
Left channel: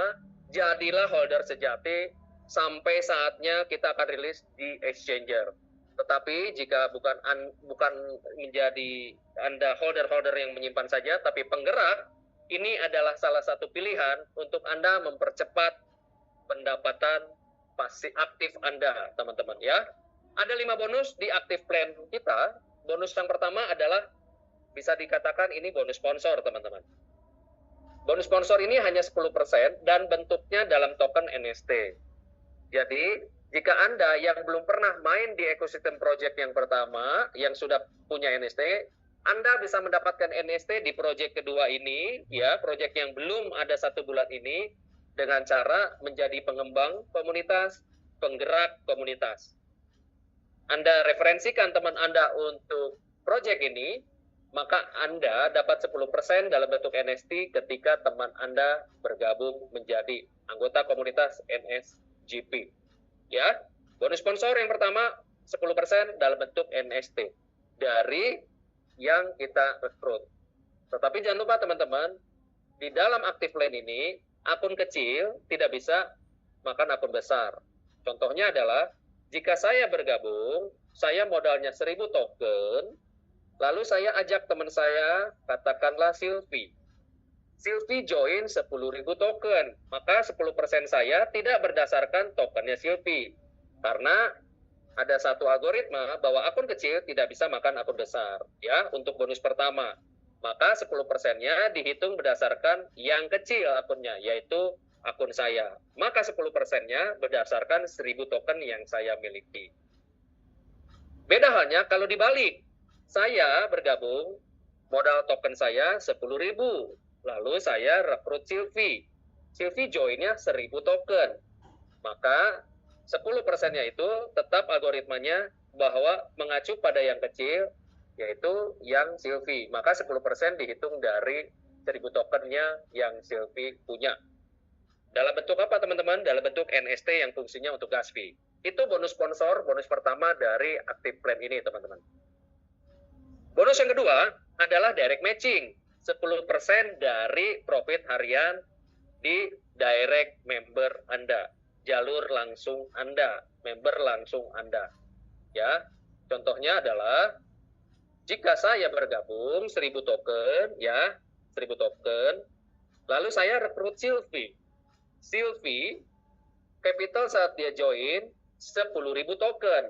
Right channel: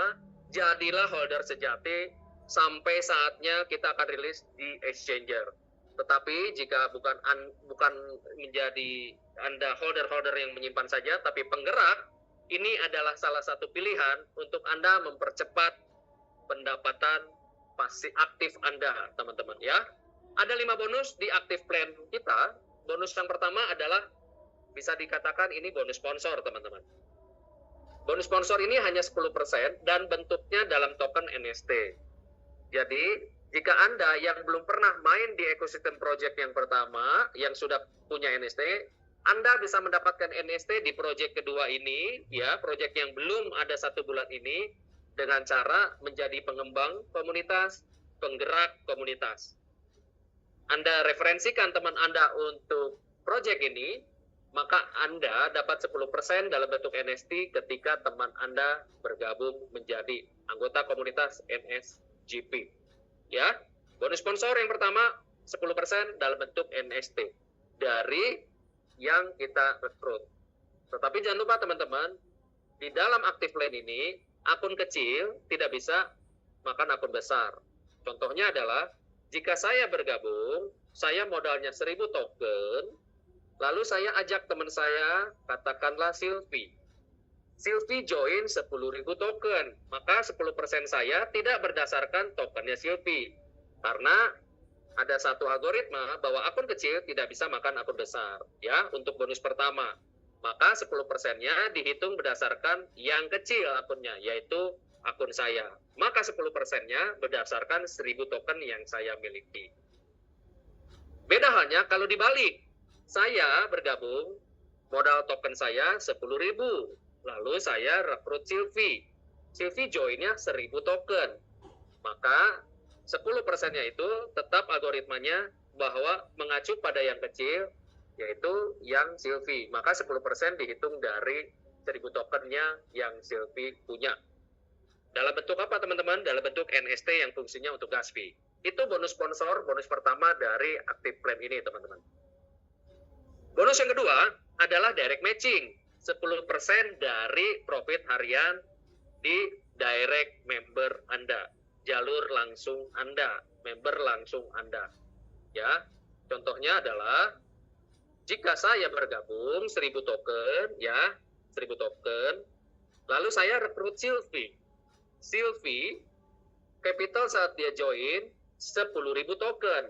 jadilah holder sejati sampai saatnya kita akan rilis di exchanger. Tetapi jika bukan menjadi Anda holder-holder yang menyimpan saja, tapi penggerak, ini adalah salah satu pilihan untuk Anda mempercepat pendapatan pasif aktif Anda, teman-teman ya. Ada 5 bonus di active plan kita. Bonus yang pertama adalah bisa dikatakan ini bonus sponsor, teman-teman. Bonus sponsor ini hanya 10% dan bentuknya dalam token NST. Jadi, jika Anda yang belum pernah main di ekosistem project yang pertama, yang sudah punya NST, Anda bisa mendapatkan NST di project kedua ini, ya, project yang belum ada 1 bulan ini, dengan cara menjadi pengembang komunitas, penggerak komunitas. Anda referensikan teman Anda untuk project ini, maka Anda dapat 10% dalam bentuk NST ketika teman Anda bergabung menjadi anggota komunitas NSGP. Ya, bonus sponsor yang pertama 10% dalam bentuk NST dari yang kita rekrut. Tetapi jangan lupa teman-teman, di dalam active plan ini, akun kecil tidak bisa makan akun besar. Contohnya adalah, jika saya bergabung, saya modalnya 1000 token, lalu saya ajak teman saya, katakanlah Sylvie. Sylvie join 10.000 token, maka 10% saya tidak berdasarkan tokennya Sylvie. Karena ada satu algoritma bahwa akun kecil tidak bisa makan akun besar, ya, untuk bonus pertama. Maka 10%-nya dihitung berdasarkan yang kecil akunnya, yaitu akun saya. Maka 10%-nya berdasarkan 1000 token yang saya miliki. Beda halnya kalau dibalik. Saya bergabung, modal token saya 10.000. Lalu saya rekrut Sylvie. Sylvie joinnya 1000 token. Maka 10%-nya itu tetap algoritmanya bahwa mengacu pada yang kecil, yaitu yang Sylvie. Maka 10% dihitung dari 1000 tokennya yang Sylvie punya. Dalam bentuk apa teman-teman? Dalam bentuk NST yang fungsinya untuk gas fee. Itu bonus sponsor, bonus pertama dari active plan ini teman-teman. Bonus yang kedua adalah direct matching. 10% dari profit harian di direct member Anda. Jalur langsung Anda, member langsung Anda. Ya, contohnya adalah jika saya bergabung 1000 token, ya, 1000 token, lalu saya rekrut Sylvie. Sylvie, capital saat dia join 10.000 token.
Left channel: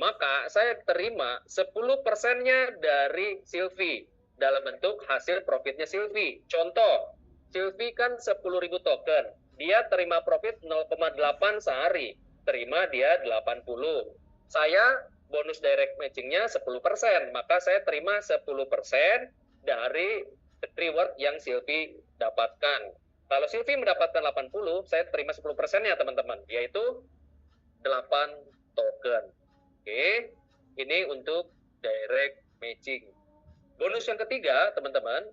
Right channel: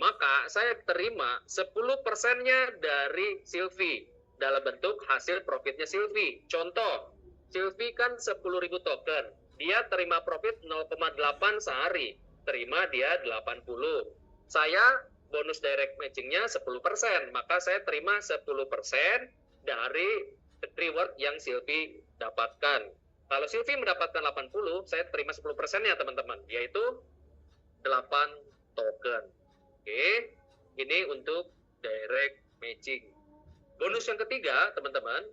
Maka saya terima 10%-nya dari Sylvie dalam bentuk hasil profitnya Sylvie. Contoh, Sylvie kan 10.000 token. Dia terima profit 0,8 sehari. Terima dia 80. Saya bonus direct matching-nya 10%. Maka saya terima 10% dari reward yang Sylvie dapatkan. Kalau Sylvie mendapatkan 80, saya terima 10%-nya teman-teman, yaitu 8 token. Oke, ini untuk direct matching. Bonus yang ketiga, teman-teman,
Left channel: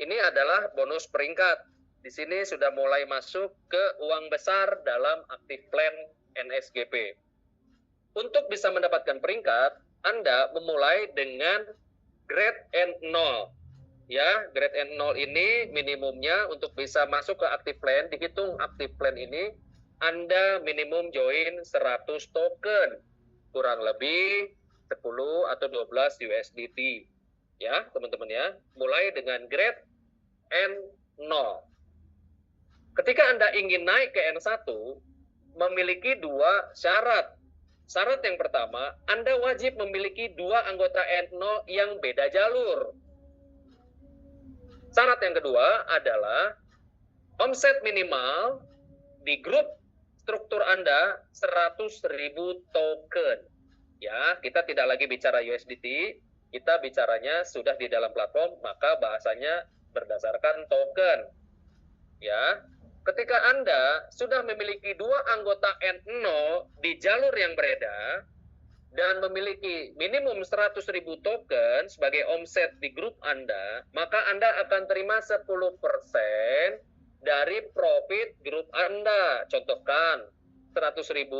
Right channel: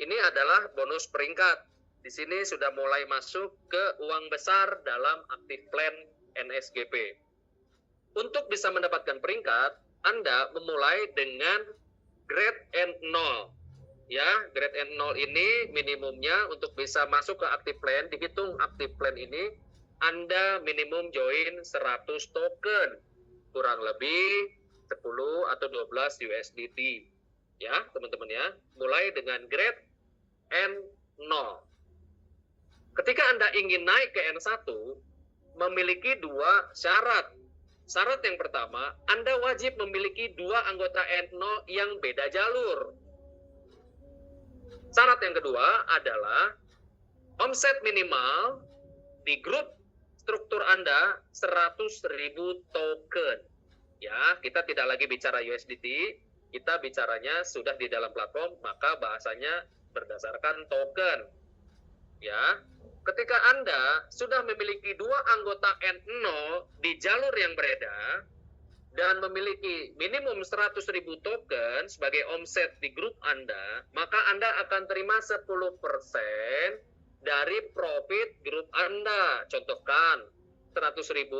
ini adalah bonus peringkat. Di sini sudah mulai masuk ke uang besar dalam active plan NSGP. Untuk bisa mendapatkan peringkat, Anda memulai dengan grade N0. Ya, grade N0 ini minimumnya untuk bisa masuk ke active plan, dihitung active plan ini, Anda minimum join 100 token, kurang lebih 10 atau 12 USDT. Ya, teman-teman ya, mulai dengan grade N0. Ketika Anda ingin naik ke N1, memiliki 2 syarat. Syarat yang pertama, Anda wajib memiliki 2 anggota N0 yang beda jalur. Syarat yang kedua adalah omset minimal di grup struktur Anda 100.000 token. Ya, kita tidak lagi bicara USDT, kita bicaranya sudah di dalam platform, maka bahasanya berdasarkan token. Ya, ketika Anda sudah memiliki 2 anggota N0 di jalur yang berbeda, dan memiliki minimum 100.000 token sebagai omset di grup Anda, maka Anda akan terima 10% dari profit grup Anda. Contohkan, 100.000,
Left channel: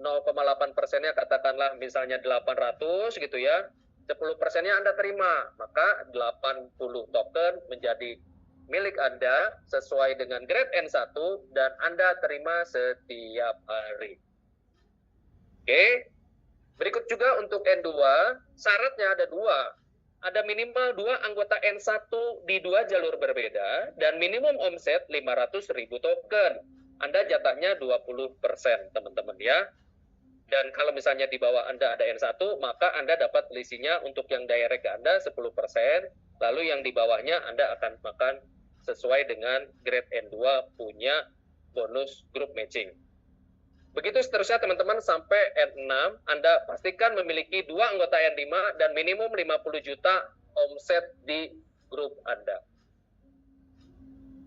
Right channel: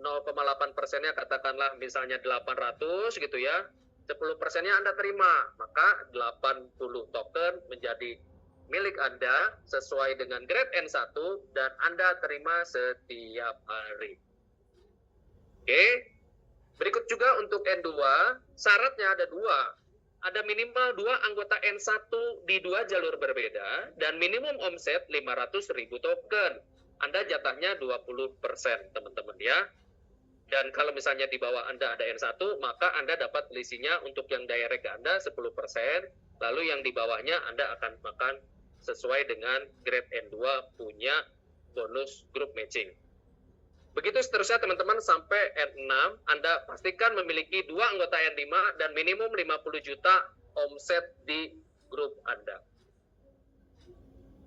0,8%-nya katakanlah misalnya 800 gitu ya. 10%-nya Anda terima, maka 80 token menjadi milik Anda sesuai dengan grade N1 dan Anda terima setiap hari. Oke. Berikut juga untuk N2, syaratnya ada dua. Ada minimal 2 anggota N1 di 2 jalur berbeda dan minimum omset 500.000 token. Anda jatahnya 20%, teman-teman ya. Dan kalau misalnya di bawah Anda ada N1, maka Anda dapat selisihnya untuk yang direct ke Anda 10%, lalu yang di bawahnya Anda akan makan sesuai dengan grade N2 punya bonus group matching. Begitu seterusnya teman-teman sampai N6, Anda pastikan memiliki 2 anggota N5 dan minimum 50 juta omset di grup Anda.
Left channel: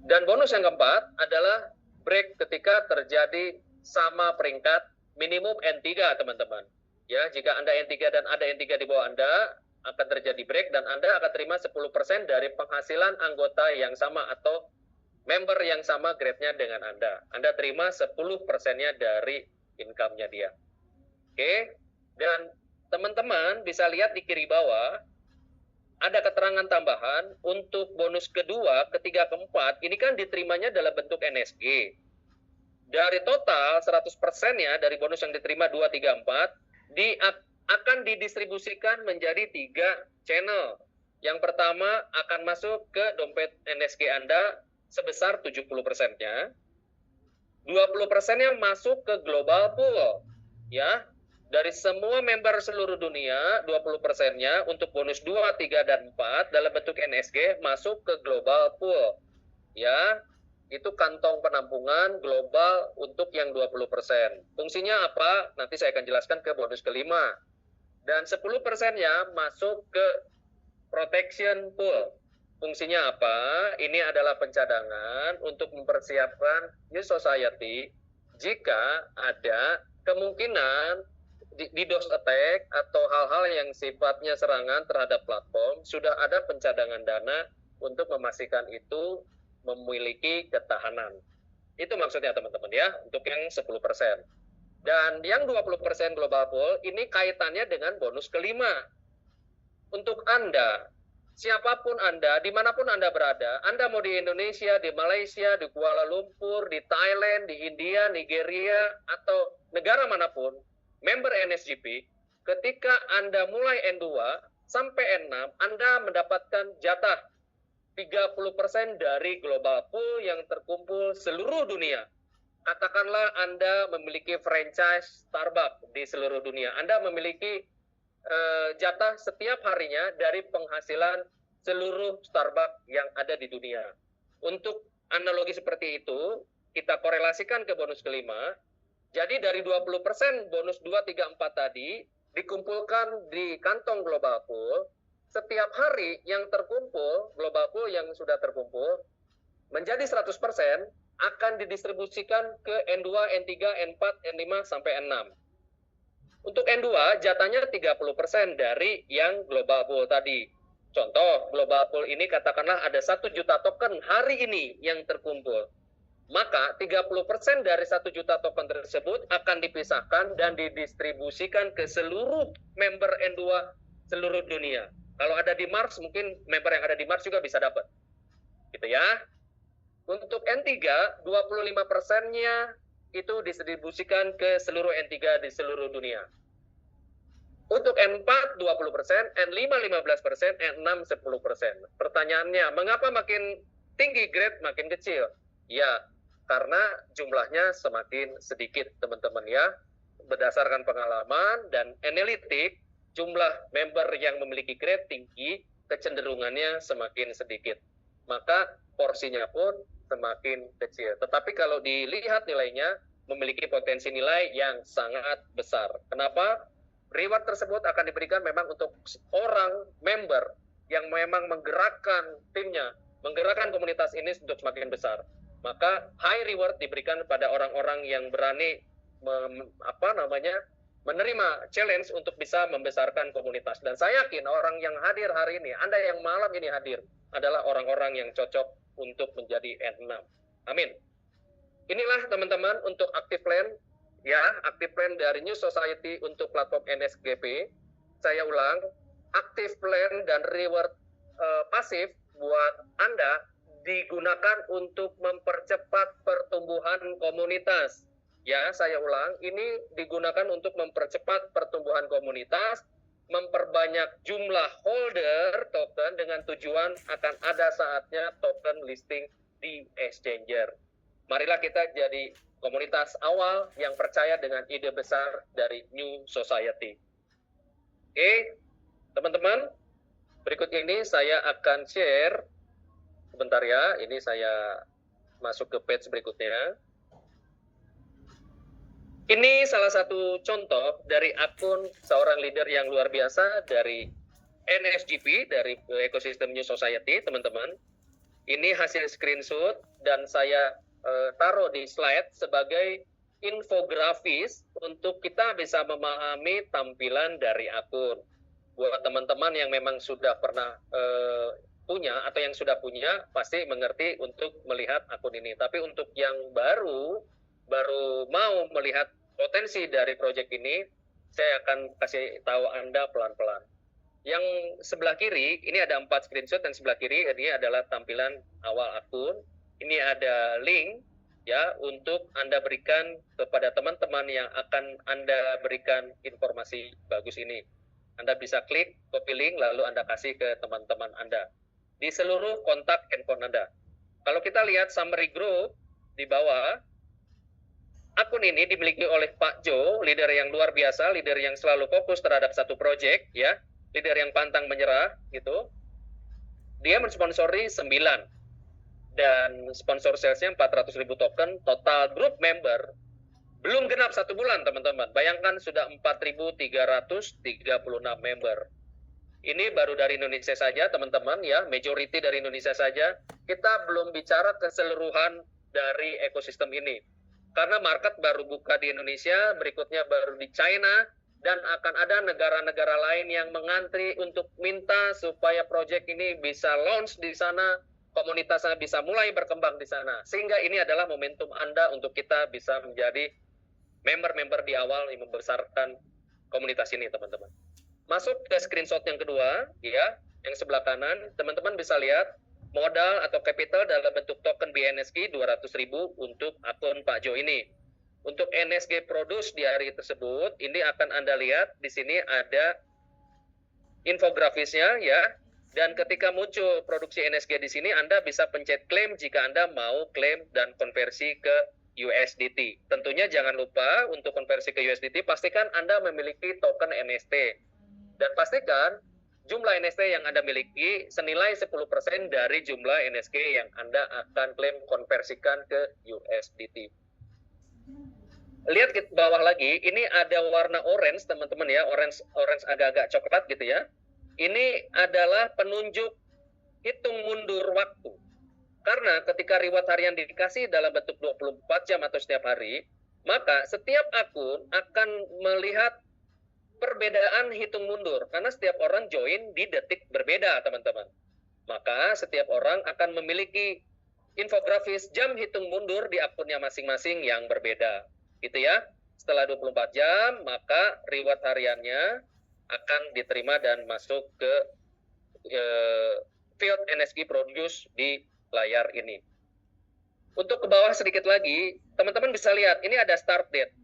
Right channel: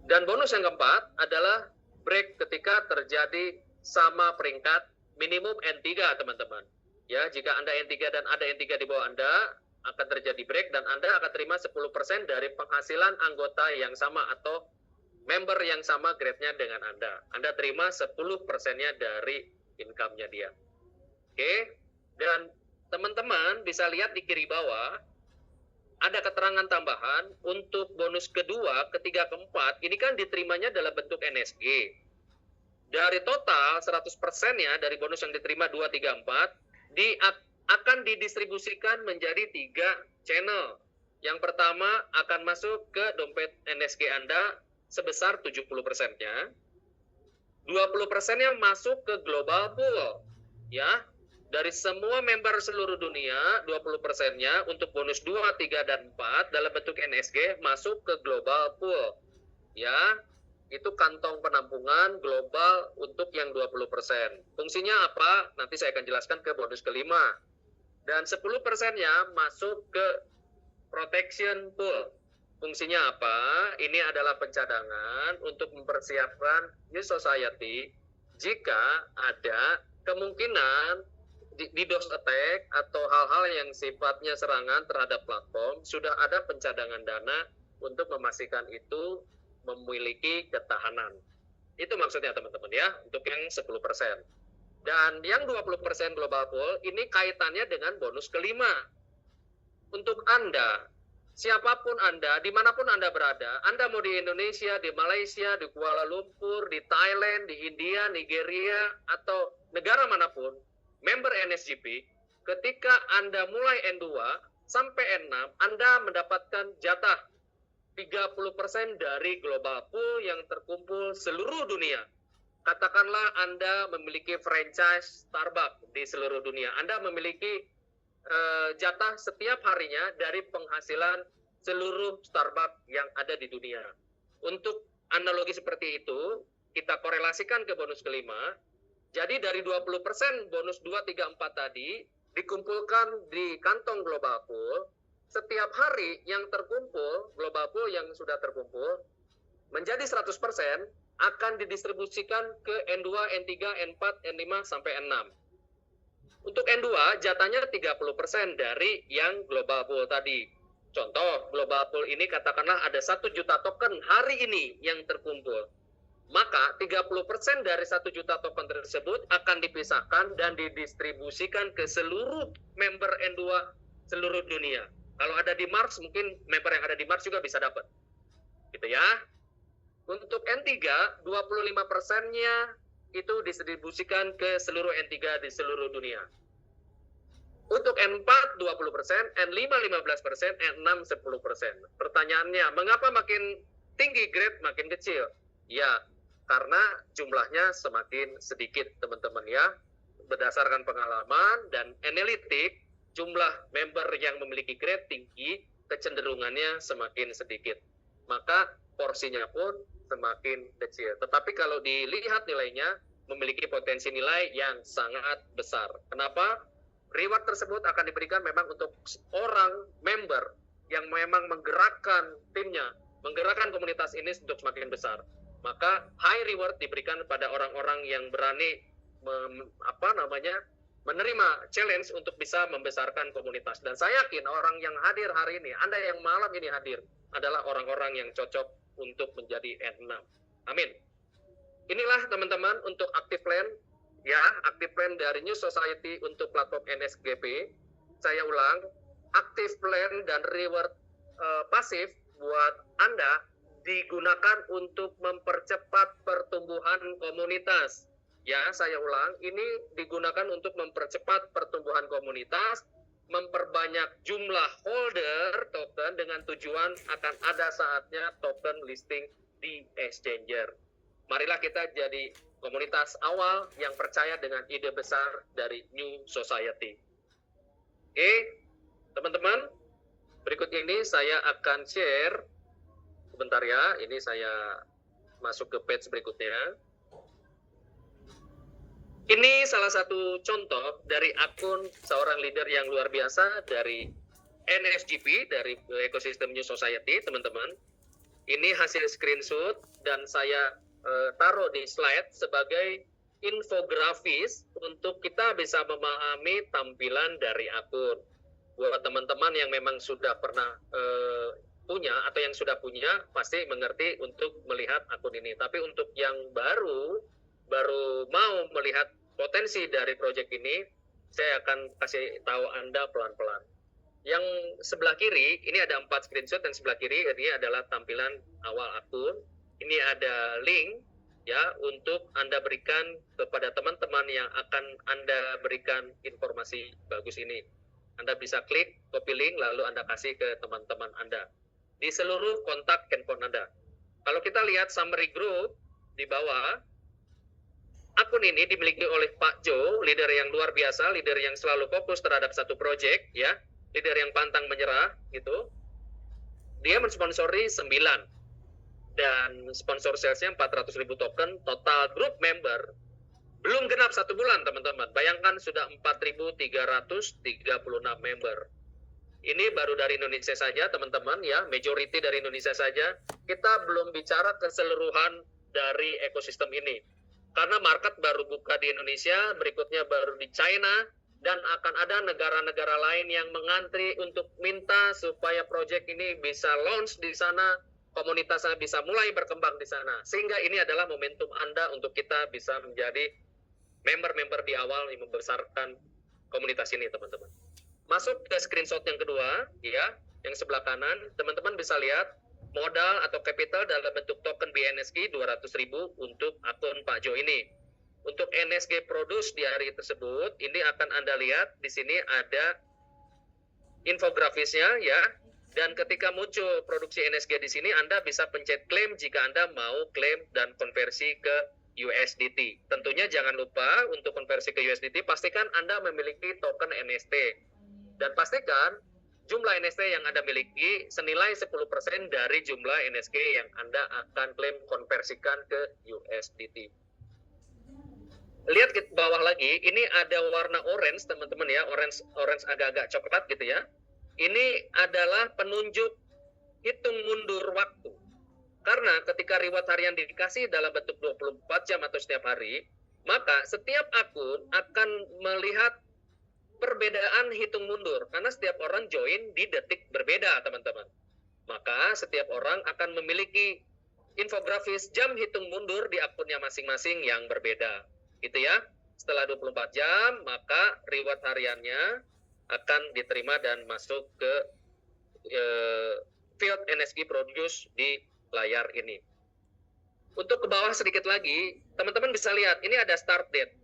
Dan bonus yang keempat adalah break ketika terjadi sama peringkat minimum N3 teman-teman. Ya, jika Anda N3 dan ada N3 di bawah Anda, akan terjadi break dan Anda akan terima 10% dari penghasilan anggota yang sama atau member yang sama grade-nya dengan Anda. Anda terima 10%-nya dari income-nya dia. Oke, dan teman-teman bisa lihat di kiri bawah, ada keterangan tambahan untuk bonus kedua, ketiga, keempat, ini kan diterimanya dalam bentuk NSG. Dari total 100%-nya dari bonus yang diterima 2, 3, 4, akan didistribusikan menjadi 3 channel. Yang pertama akan masuk ke dompet NSG Anda, sebesar 70%-nya, 20%-nya masuk ke global pool, ya. Dari semua member seluruh dunia, 20%-nya untuk bonus 2, 3, dan 4 dalam bentuk NSG masuk ke global pool, ya. Itu kantong penampungan global untuk yang 20%. Fungsinya apa? Nanti saya akan jelaskan ke bonus kelima. Dan 10%-nya masuk ke protection pool. Fungsinya apa? Ini adalah pencadangan untuk mempersiapkan New Society jika ada kemungkinan DDoS attack atau hal-hal yang sifatnya serangan terhadap platform, sudah ada pencadangan dana untuk memastikan itu memiliki ketahanan. Itu maksudnya teman-teman ya, untuk yang 10%. Dan yang 20% global pool, ini kaitannya dengan bonus kelima. Untuk Anda, siapapun Anda, dimanapun Anda berada, Anda mau di Indonesia, di Malaysia, di Kuala Lumpur, di Thailand, di India, Nigeria, atau negara manapun, member NSGP, ketika Anda mulai N2 sampai N6, Anda mendapatkan jatah 30% dari global pool yang terkumpul seluruh dunia. Katakanlah Anda memiliki franchise Starbucks di seluruh dunia. Anda memiliki jatah setiap harinya dari penghasilan seluruh Starbucks yang ada di dunia. Untuk analogi seperti itu, kita korelasikan ke bonus kelima. Jadi dari 20% bonus 2, 3, 4 tadi dikumpulkan di kantong global pool. Setiap hari yang terkumpul, global pool yang sudah terkumpul, menjadi 100% akan didistribusikan ke N2, N3, N4, N5, sampai N6. Untuk N2, jatahnya 30% dari yang global pool tadi. Contoh, global pool ini katakanlah ada 1 juta token hari ini yang terkumpul. Maka 30% dari 1 juta token tersebut akan dipisahkan dan didistribusikan ke seluruh member N2 seluruh dunia. Kalau ada di Mars, mungkin member yang ada di Mars juga bisa dapat. Gitu ya. Untuk N3, 25%-nya itu distribusikan ke seluruh N3 di seluruh dunia. Untuk N4 20%, N5 15%, N6 10%. Pertanyaannya, mengapa makin tinggi grade makin kecil? Ya, karena jumlahnya semakin sedikit, teman-teman ya. Berdasarkan pengalaman dan analitik, jumlah member yang memiliki grade tinggi kecenderungannya semakin sedikit. Maka porsinya pun semakin kecil. Tetapi kalau dilihat nilainya, memiliki potensi nilai yang sangat besar. Kenapa? Reward tersebut akan diberikan memang untuk orang member yang memang menggerakkan timnya, menggerakkan komunitas ini untuk semakin besar. Maka high reward diberikan pada orang-orang yang berani menerima challenge untuk bisa membesarkan komunitas. Dan saya yakin orang yang hadir hari ini, Anda yang malam ini hadir, adalah orang-orang yang cocok untuk menjadi N6. Amin. Inilah teman-teman untuk active plan, ya, active plan dari New Society untuk platform NSGP. Saya ulang, active plan dan reward pasif buat Anda digunakan untuk mempercepat pertumbuhan komunitas. Ya, saya ulang, ini digunakan untuk mempercepat pertumbuhan komunitas, memperbanyak jumlah holder token dengan tujuan akan ada saatnya token listing di exchanger. Marilah kita jadi komunitas awal yang percaya dengan ide besar dari New Society. Oke, teman-teman, berikut ini saya akan share, sebentar ya, ini saya masuk ke page berikutnya. Ini salah satu contoh dari akun seorang leader yang luar biasa dari NSGP, dari ekosistem New Society, teman-teman. Ini hasil screenshot dan saya taruh di slide sebagai infografis untuk kita bisa memahami tampilan dari akun. Buat teman-teman yang memang sudah pernah punya atau yang sudah punya, pasti mengerti untuk melihat akun ini. Tapi untuk yang baru mau melihat potensi dari proyek ini, saya akan kasih tahu Anda pelan-pelan. Yang sebelah kiri, ini ada 4 screenshot, dan sebelah kiri ini adalah tampilan awal akun. Ini ada link ya untuk Anda berikan kepada teman-teman yang akan Anda berikan informasi bagus ini. Anda bisa klik, copy link, lalu Anda kasih ke teman-teman Anda di seluruh kontak handphone Anda. Kalau kita lihat summary group di bawah, akun ini dimiliki oleh Pak Jo, leader yang luar biasa, leader yang selalu fokus terhadap satu proyek, ya, leader yang pantang menyerah, gitu. Dia mensponsori 9 dan sponsor salesnya 400.000 token, total group member belum genap 1 bulan, teman-teman. Bayangkan sudah 4.336 member. Ini baru dari Indonesia saja, teman-teman, ya, majority dari Indonesia saja. Kita belum bicara keseluruhan dari ekosistem ini. Karena market baru buka di Indonesia, berikutnya baru di China, dan akan ada negara-negara lain yang mengantri untuk minta supaya proyek ini bisa launch di sana, komunitasnya bisa mulai berkembang di sana. Sehingga ini adalah momentum Anda untuk kita bisa menjadi member-member di awal yang membesarkan komunitas ini, teman-teman. Masuk ke screenshot yang kedua, ya, yang sebelah kanan, teman-teman bisa lihat modal atau capital dalam bentuk token BNSG 200.000 untuk akun Pak Jo ini. Untuk NSG produce di hari tersebut, ini akan Anda lihat di sini ada infografisnya, ya. Dan ketika muncul produksi NSG di sini, Anda bisa pencet klaim jika Anda mau klaim dan konversi ke USDT. Tentunya jangan lupa untuk konversi ke USDT, pastikan Anda memiliki token NST. Dan pastikan jumlah NST yang Anda miliki senilai 10% dari jumlah NSG yang Anda akan klaim konversikan ke USDT. Lihat ke bawah lagi, ini ada warna orange, teman-teman, ya, orange agak-agak coklat gitu ya. Ini adalah penunjuk hitung mundur waktu. Karena ketika reward harian dikasih dalam bentuk 24 jam atau setiap hari, maka setiap akun akan melihat perbedaan hitung mundur, karena setiap orang join di detik berbeda, teman-teman. Maka setiap orang akan memiliki infografis jam hitung mundur di akunnya masing-masing yang berbeda, gitu ya. Setelah 24 jam, maka reward hariannya akan diterima dan masuk ke field NSG produce di layar ini. Untuk ke bawah sedikit lagi, teman-teman bisa lihat, ini ada start date.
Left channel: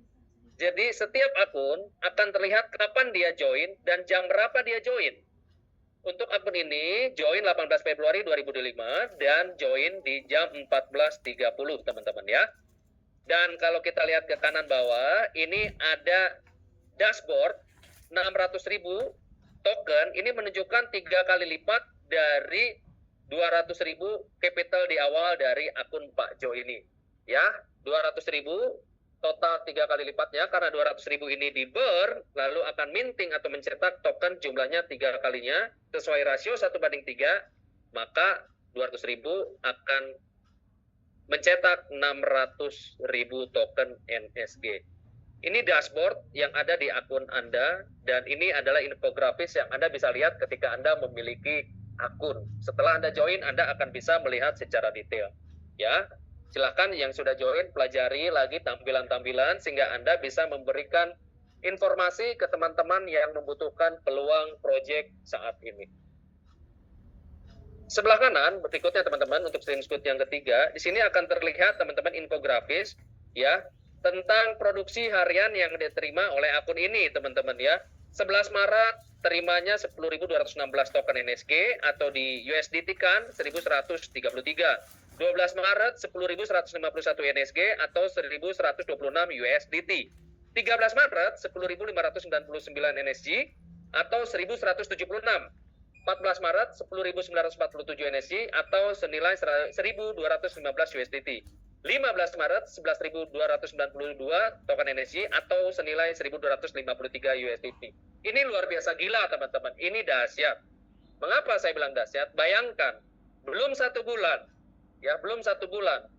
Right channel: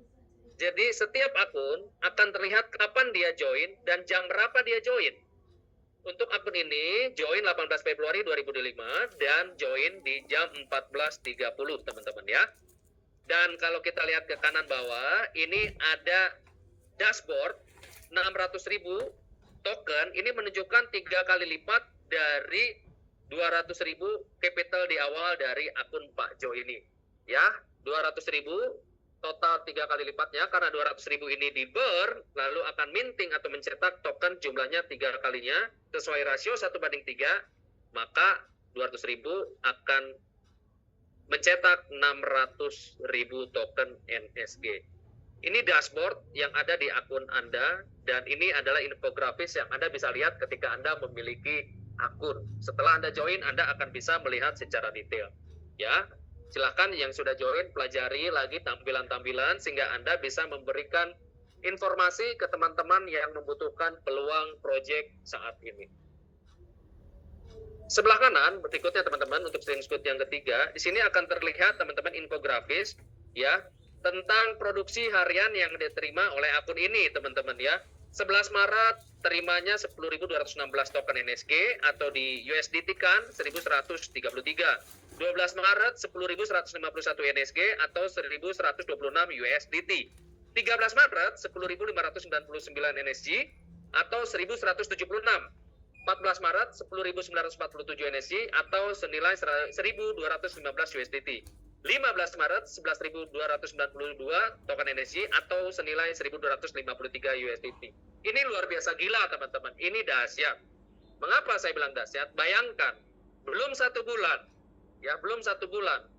Jadi setiap akun akan terlihat kapan dia join dan jam berapa dia join. Untuk akun ini join 18 Februari 2025 dan join di jam 14.30, teman-teman, ya. Dan kalau kita lihat ke kanan bawah, ini ada dashboard 600.000 token. Ini menunjukkan 3 kali lipat dari 200.000 capital di awal dari akun Pak Jo ini. Ya, 200.000 total 3 kali lipatnya, karena 200.000 ini di burn, lalu akan minting atau mencetak token jumlahnya 3 kalinya, sesuai rasio 1:3, maka 200.000 akan mencetak 600.000 token NSG. Ini dashboard yang ada di akun Anda, dan ini adalah infografis yang Anda bisa lihat ketika Anda memiliki akun. Setelah Anda join, Anda akan bisa melihat secara detail. Ya, silakan yang sudah join pelajari lagi tampilan-tampilan sehingga Anda bisa memberikan informasi ke teman-teman yang membutuhkan peluang proyek saat ini. Sebelah kanan berikutnya teman-teman, untuk screenshot yang ketiga, di sini akan terlihat teman-teman infografis ya tentang produksi harian yang diterima oleh akun ini teman-teman ya. 11 Maret terimanya 10.216 token NSG atau di USDT kan 1.133. 12 Maret 10.151 NSG atau 1.126 USDT. 13 Maret 10.599 NSG atau 1.176. 14 Maret 10.947 NSG atau senilai 1.215 USDT. 15 Maret 11.292 token NSG atau senilai 1.253 USDT. Ini luar biasa gila teman-teman, ini dahsyat. Mengapa saya bilang dahsyat? Bayangkan, belum 1 bulan, ya belum 1 bulan,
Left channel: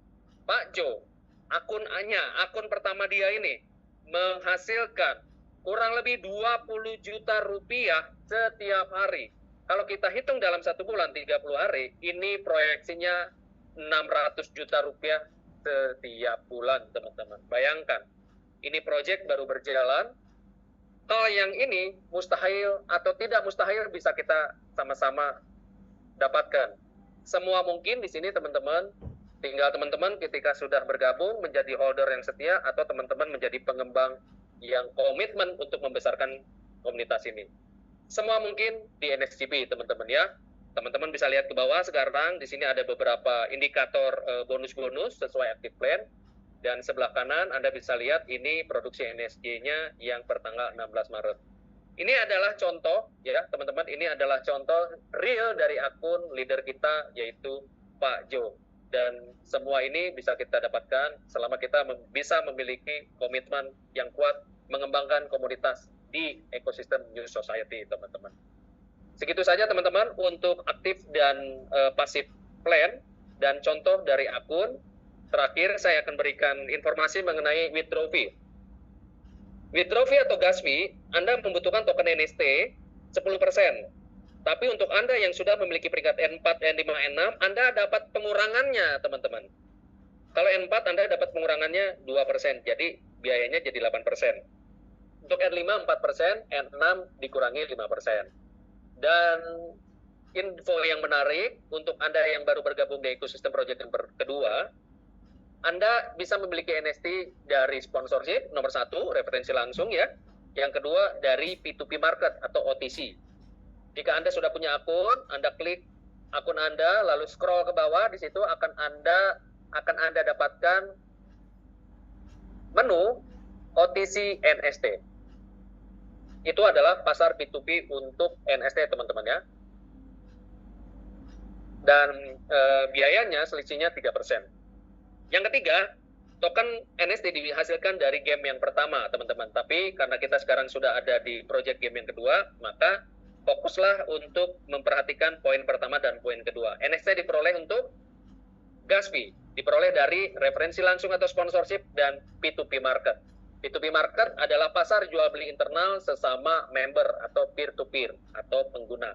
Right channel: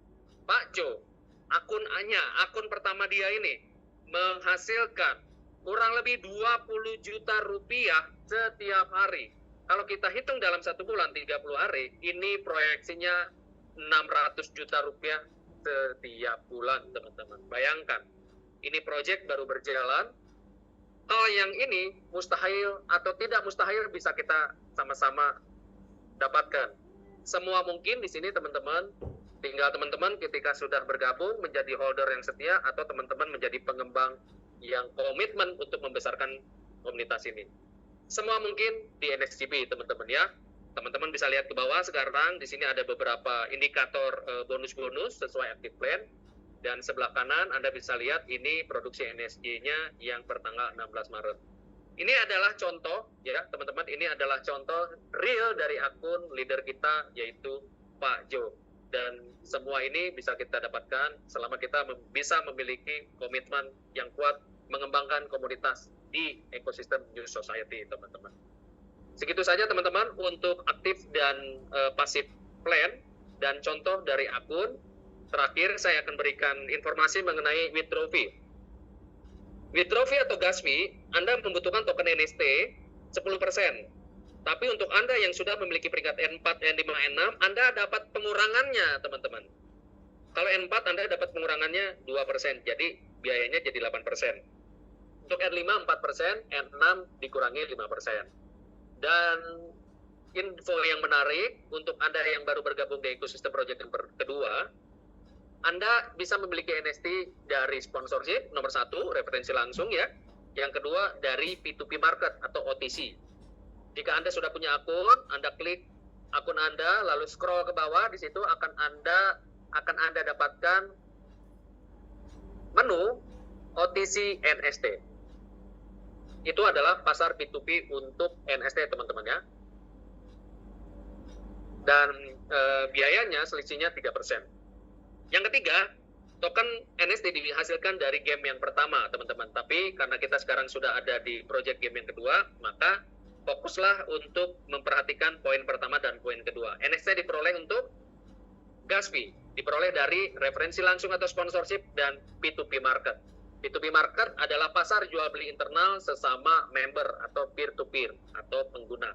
Pak Jo, akun pertama dia ini menghasilkan kurang lebih 20 juta rupiah setiap hari. Kalau kita hitung dalam 1 bulan 30 hari, ini proyeksinya 600 juta rupiah setiap bulan, teman-teman. Bayangkan, ini proyek baru berjalan. Hal yang ini mustahil atau tidak mustahil bisa kita sama-sama dapatkan. Semua mungkin di sini, teman-teman. Tinggal teman-teman ketika sudah bergabung menjadi holder yang setia atau teman-teman menjadi pengembang yang komitmen untuk membesarkan komunitas ini. Semua mungkin di NSGP, teman-teman ya. Teman-teman bisa lihat ke bawah sekarang, di sini ada beberapa indikator bonus-bonus sesuai active plan. Dan sebelah kanan Anda bisa lihat ini produksi NSG-nya yang pertanggal 16 Maret. Ini adalah contoh ya, teman-teman, ini adalah contoh real dari akun leader kita yaitu Pak Jo. Dan semua ini bisa kita dapatkan selama kita bisa memiliki komitmen yang kuat mengembangkan komunitas di ekosistem New Society, teman-teman. Segitu saja teman-teman untuk aktif dan pasif plan dan contoh dari akun. Terakhir saya akan berikan informasi mengenai withdraw fee. Withdraw fee atau gas fee, Anda membutuhkan token NST 10%. Tapi untuk Anda yang sudah memiliki peringkat N4, N5, N6, Anda dapat pengurangannya, teman-teman. Kalau N4 Anda dapat pengurangannya 2%, jadi biayanya jadi 8%. Untuk N5 4%, N6 dikurangi 5%. Dan info yang menarik untuk Anda yang baru bergabung di ekosistem project yang kedua, Anda bisa memiliki NST dari sponsorship, nomor 1, referensi langsung ya. Yang kedua dari P2P market atau OTC. Jika Anda sudah punya akun, Anda klik akun Anda, lalu scroll ke bawah, di situ akan Anda dapatkan menu OTC NST. Itu adalah pasar P2P untuk NST, teman-teman ya. Dan biayanya selisihnya 3%. Yang ketiga, token NST dihasilkan dari game yang pertama, teman-teman. Tapi karena kita sekarang sudah ada di project game yang kedua, maka fokuslah untuk memperhatikan poin pertama dan poin kedua. NST diperoleh untuk gas fee, diperoleh dari referensi langsung atau sponsorship dan P2P market. P2P market adalah pasar jual beli internal sesama member atau peer-to-peer atau pengguna.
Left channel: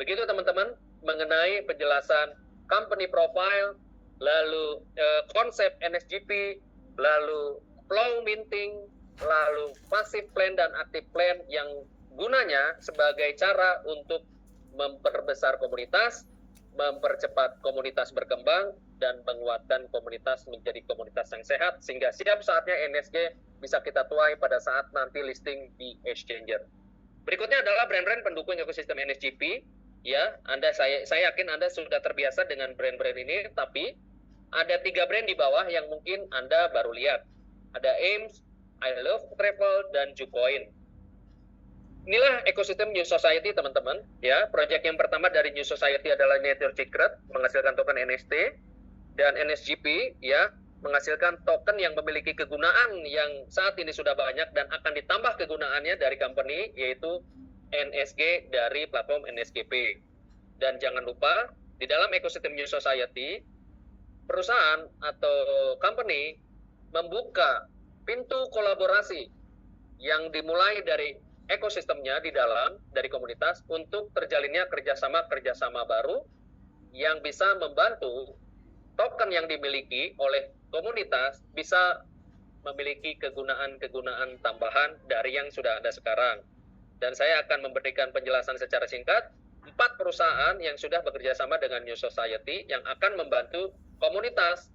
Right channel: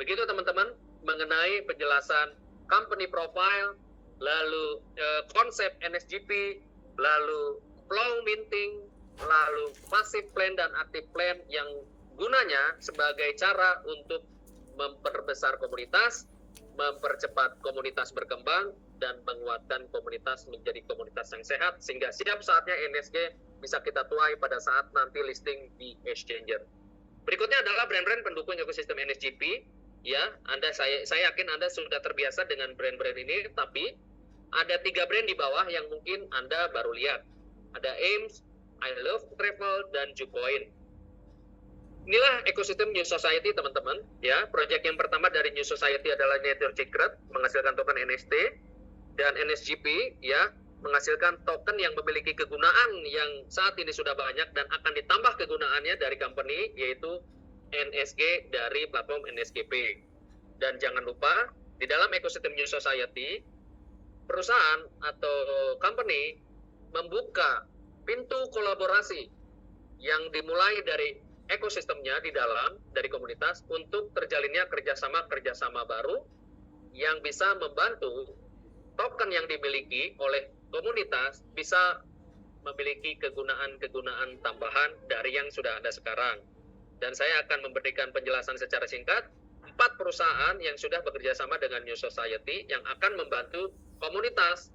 Begitu teman-teman mengenai penjelasan company profile, lalu konsep NSGP, lalu flow minting, lalu passive plan dan active plan yang gunanya sebagai cara untuk memperbesar komunitas, mempercepat komunitas berkembang, dan menguatkan komunitas menjadi komunitas yang sehat, sehingga siap saatnya NSG bisa kita tuai pada saat nanti listing di Exchanger. Berikutnya adalah brand-brand pendukung ekosistem NSGP. Ya, saya yakin Anda sudah terbiasa dengan brand-brand ini, tapi ada 3 brand di bawah yang mungkin Anda baru lihat. Ada Ames, I Love Travel, dan Jucoin. Inilah ekosistem New Society, teman-teman. Ya, proyek yang pertama dari New Society adalah Nature Secret, menghasilkan token NST, dan NSGP, ya, menghasilkan token yang memiliki kegunaan yang saat ini sudah banyak dan akan ditambah kegunaannya dari company, yaitu NSG dari platform NSGP. Dan jangan lupa, di dalam ekosistem New Society, perusahaan atau company membuka pintu kolaborasi yang dimulai dari ekosistemnya di dalam, dari komunitas, untuk terjalinnya kerjasama baru yang bisa membantu token yang dimiliki oleh komunitas bisa memiliki kegunaan tambahan dari yang sudah ada sekarang. Dan saya akan memberikan penjelasan secara singkat, 4 perusahaan yang sudah bekerja sama dengan New Society yang akan membantu komunitas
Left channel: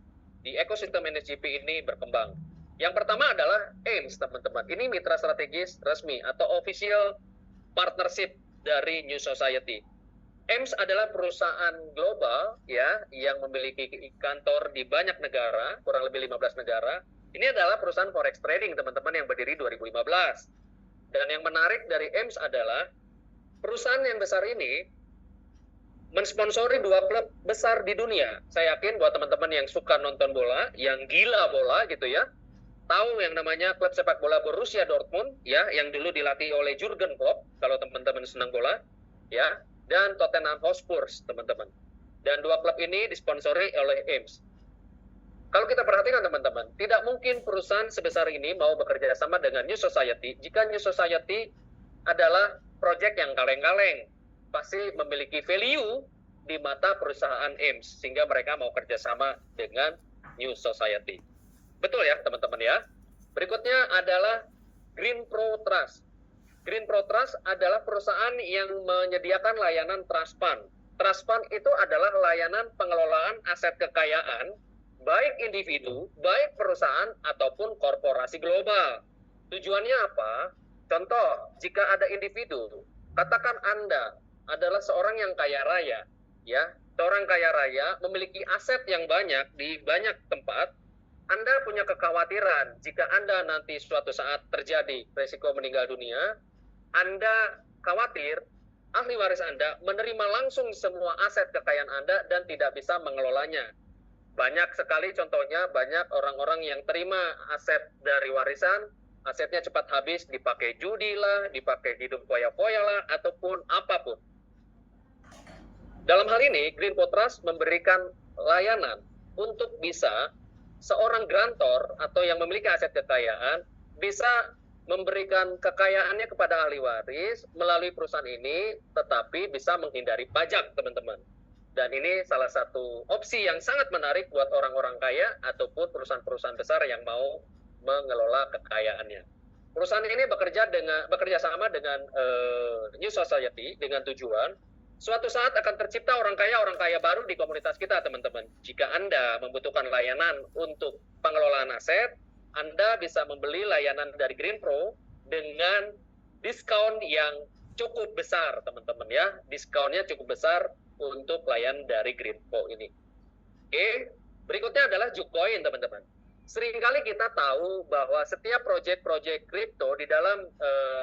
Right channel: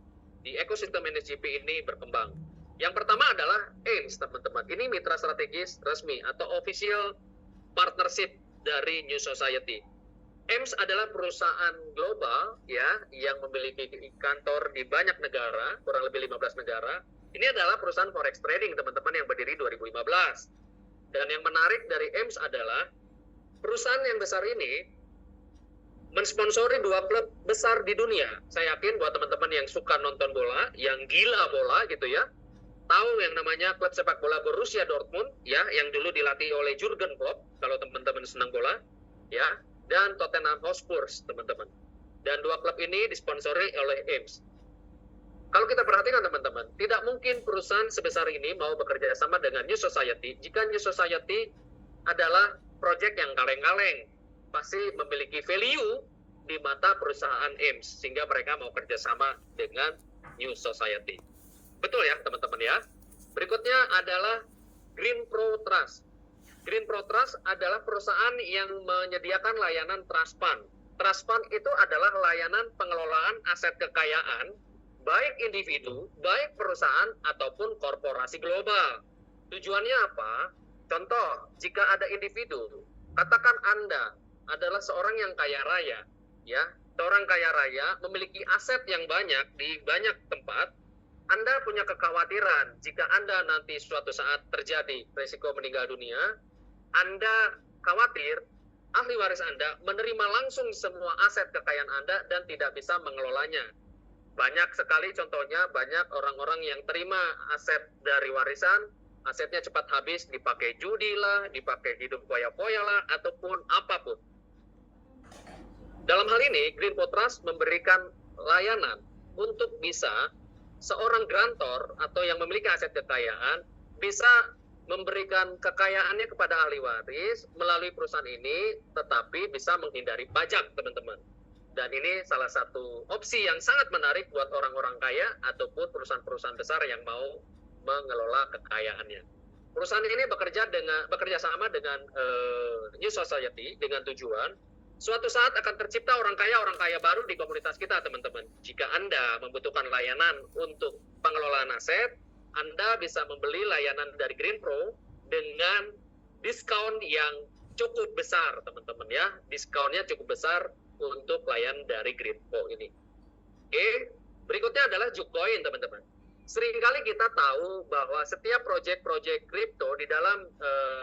di ekosistem NSGP ini berkembang. Yang pertama adalah AIMS, teman-teman. Ini mitra strategis resmi atau official partnership dari New Society. AIMS adalah perusahaan global ya yang memiliki kantor di banyak negara, kurang lebih 15 negara. Ini adalah perusahaan forex trading, teman-teman, yang berdiri 2015. Dan yang menarik dari AIMS adalah perusahaan yang besar ini mensponsori 2 klub besar di dunia. Saya yakin buat teman-teman yang suka nonton bola, yang gila bola gitu ya, tahu yang namanya klub sepak bola Borussia Dortmund ya, yang dulu dilatih oleh Jurgen Klopp kalau teman-teman senang bola ya, dan Tottenham Hotspur, teman-teman. Dan 2 klub ini disponsori oleh AIMS. Kalau kita perhatikan, teman-teman, tidak mungkin perusahaan sebesar ini mau bekerja sama dengan New Society jika New Society adalah proyek yang kaleng-kaleng, pasti memiliki value di mata perusahaan AIMS sehingga mereka mau kerjasama dengan New Society. Betul ya, teman-teman ya. Berikutnya adalah Green Pro Trust. Green Pro Trust adalah perusahaan yang menyediakan layanan Trust Fund. Trust Fund itu adalah layanan pengelolaan aset kekayaan, baik individu, baik perusahaan, ataupun korporasi global. Tujuannya apa? Contoh, jika ada individu, katakan Anda adalah seorang yang kaya raya, ya, seorang kaya raya memiliki aset yang banyak di banyak tempat. Anda punya kekhawatiran jika Anda nanti suatu saat terjadi risiko meninggal dunia, Anda khawatir ahli waris Anda menerima langsung semua aset kekayaan Anda dan tidak bisa mengelolanya. Banyak sekali contohnya, banyak orang-orang yang terima aset dari warisan, asetnya cepat habis, dipakai judi lah, dipakai hidup foya-foya lah, ataupun apapun. Dalam hal ini, Green Pro Trust memberikan layanan untuk bisa seorang grantor atau yang memiliki aset kekayaan bisa memberikan kekayaannya kepada ahli waris melalui perusahaan ini, tetapi bisa menghindari pajak, teman-teman. Dan ini salah satu opsi yang sangat menarik buat orang-orang kaya ataupun perusahaan-perusahaan besar yang mau mengelola kekayaannya. Perusahaan ini bekerja sama dengan New Society dengan tujuan suatu saat akan tercipta orang kaya baru di komunitas kita, teman-teman. Jika Anda membutuhkan layanan untuk pengelolaan aset, Anda bisa membeli layanan dari Green Pro dengan diskon yang cukup besar, teman-teman ya. Diskonnya cukup besar untuk layanan dari Green Pro ini. Oke, berikutnya adalah Jucoin, teman-teman. Seringkali kita tahu bahwa setiap proyek-proyek kripto di dalam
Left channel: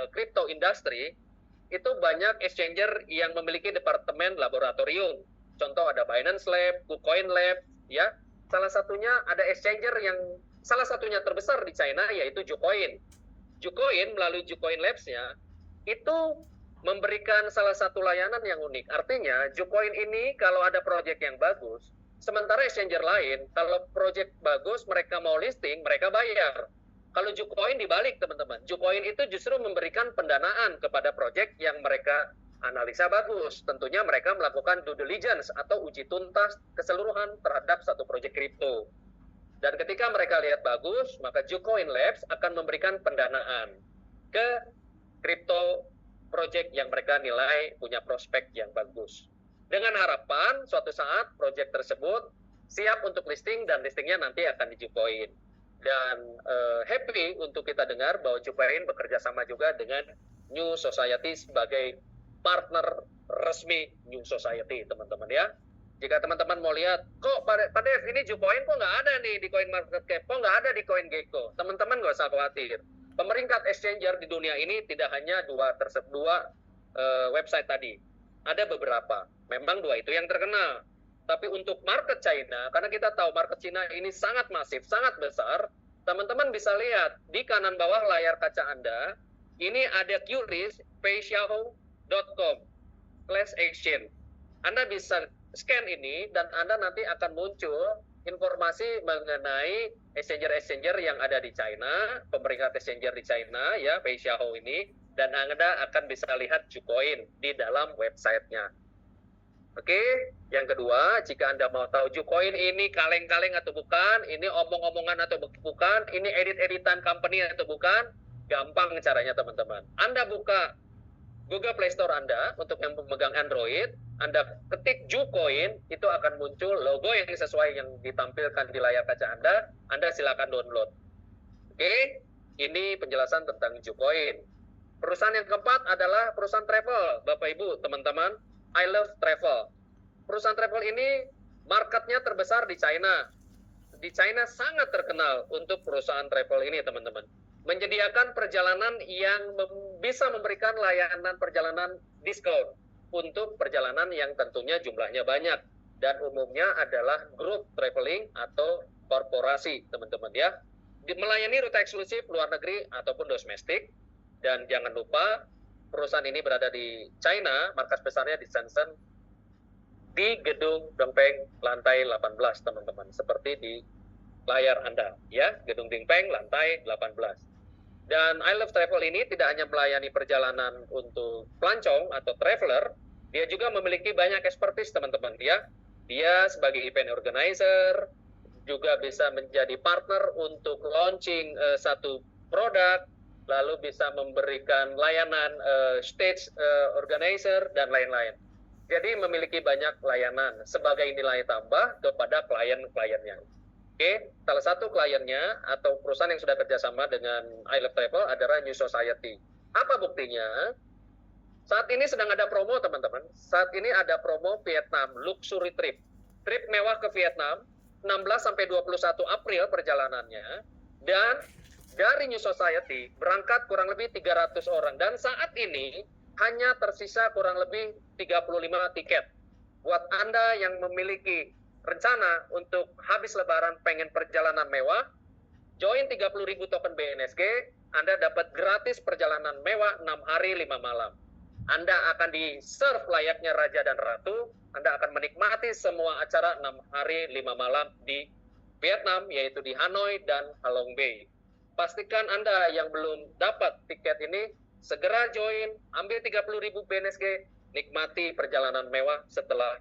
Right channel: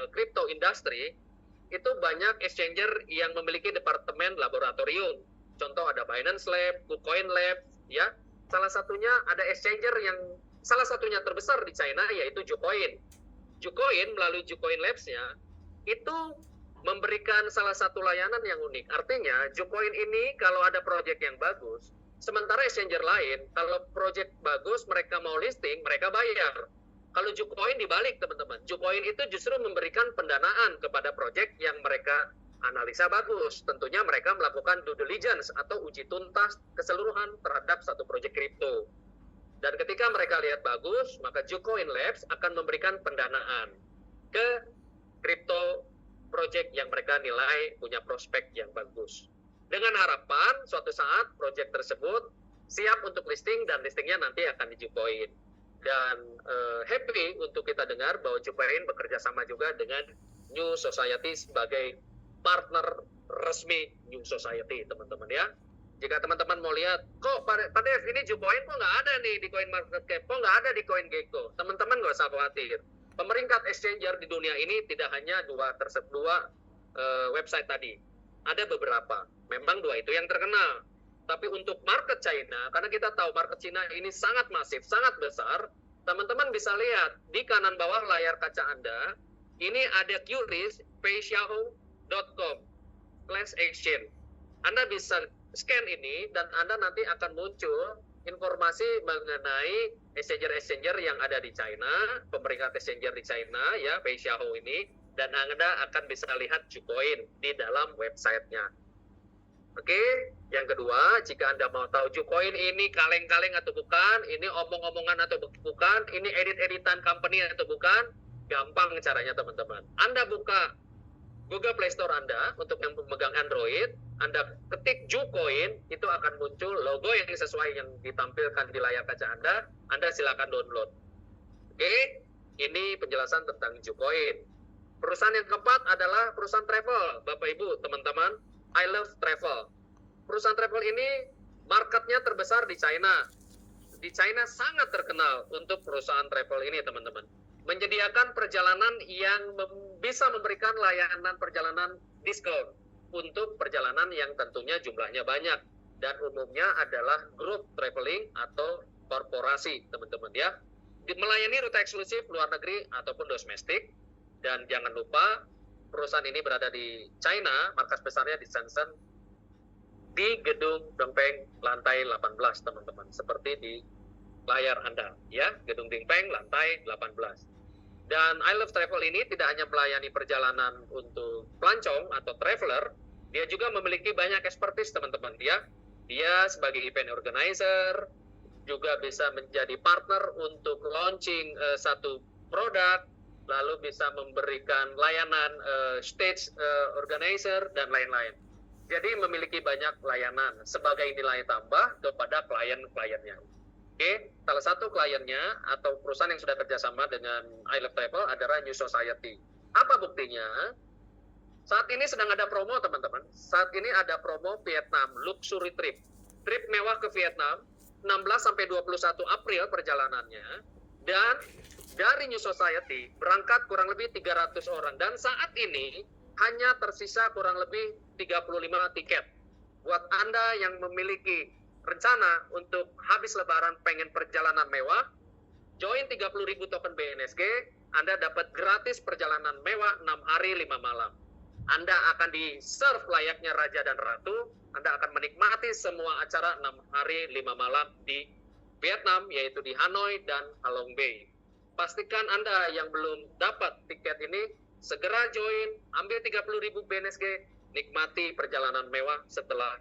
crypto industry itu banyak exchanger yang memiliki departemen laboratorium. Contoh ada Binance Lab, KuCoin Lab, ya. Salah satunya ada exchanger yang salah satunya terbesar di China yaitu Jucoin. Jucoin melalui Jucoin Labs-nya itu memberikan salah satu layanan yang unik. Artinya Jucoin ini kalau ada proyek yang bagus, sementara exchanger lain kalau proyek bagus mereka mau listing, mereka bayar. Kalau Jucoin dibalik, teman-teman. Jucoin itu justru memberikan pendanaan kepada proyek yang mereka analisa bagus. Tentunya mereka melakukan due diligence atau uji tuntas keseluruhan terhadap satu proyek kripto. Dan ketika mereka lihat bagus, maka Jucoin Labs akan memberikan pendanaan ke kripto proyek yang mereka nilai punya prospek yang bagus. Dengan harapan suatu saat proyek tersebut siap untuk listing dan listingnya nanti akan di Jucoin. Dan happy untuk kita dengar bahwa Jucoin bekerja sama juga dengan New Society sebagai partner resmi New Society, teman-teman ya. Jika teman-teman mau lihat, kok Pak Dev ini Jucoin kok nggak ada nih di CoinMarketCap, kok nggak ada di CoinGecko, teman-teman nggak usah khawatir. Pemeringkat exchanger di dunia ini tidak hanya dua website tadi, ada beberapa. Memang 2 itu yang terkenal. Tapi untuk market China, karena kita tahu market China ini sangat masif, sangat besar, teman-teman bisa lihat di kanan bawah layar kaca Anda, ini ada QRIS peixiao.com/exchange. Anda bisa scan ini dan Anda nanti akan muncul informasi mengenai exchanger yang ada di China, pemeringkat exchanger di China ya, Peixiao ini, dan Anda akan bisa lihat Jucoin di dalam websitenya. Oke, yang kedua, jika Anda mau tahu Jucoin ini kaleng-kaleng atau bukan, ini omong-omongan atau bukan, ini edit-editan company atau bukan, gampang caranya teman-teman. Anda buka Google Play Store Anda untuk yang pemegang Android, Anda ketik Jucoin, itu akan muncul logo yang sesuai yang ditampilkan di layar kaca Anda silakan download. Oke, ini penjelasan tentang Jucoin. Perusahaan yang keempat adalah perusahaan travel, Bapak Ibu, teman-teman. I Love Travel. Perusahaan travel ini marketnya terbesar di China. Di China sangat terkenal untuk perusahaan travel ini, teman-teman. Menyediakan perjalanan yang bisa memberikan layanan perjalanan diskon untuk perjalanan yang tentunya jumlahnya banyak. Dan umumnya adalah grup traveling atau korporasi, teman-teman ya. Melayani rute eksklusif luar negeri ataupun domestik. Dan jangan lupa, perusahaan ini berada di China, markas besarnya di Shenzhen, di gedung Dongpeng lantai 18, teman-teman. Seperti di layar Anda, ya, gedung Dongpeng lantai 18. Dan I Love Travel ini tidak hanya melayani perjalanan untuk pelancong atau traveler, dia juga memiliki banyak expertise, teman-teman, ya. Dia sebagai event organizer, juga bisa menjadi partner untuk launching satu produk, lalu bisa memberikan layanan stage organizer, dan lain-lain. Jadi memiliki banyak layanan sebagai nilai tambah kepada klien-kliennya. Oke, salah satu kliennya atau perusahaan yang sudah kerjasama dengan I Love Travel adalah New Society. Apa buktinya? Saat ini sedang ada promo, teman-teman. Saat ini ada promo Vietnam Luxury Trip. Trip mewah ke Vietnam, 16-21 April perjalanannya. Dan dari New Society berangkat kurang lebih 300 orang. Dan saat ini hanya tersisa kurang lebih 35 tiket. Buat Anda yang memiliki rencana untuk habis lebaran pengen perjalanan mewah, join 30.000 token BNSG, Anda dapat gratis perjalanan mewah 6 hari 5 malam. Anda akan di-serve layaknya Raja dan Ratu, Anda akan menikmati semua acara 6 hari 5 malam di Vietnam, yaitu di Hanoi dan Halong Bay. Pastikan Anda yang belum dapat tiket ini, segera join, ambil 30.000 BNSG, nikmati perjalanan mewah setelah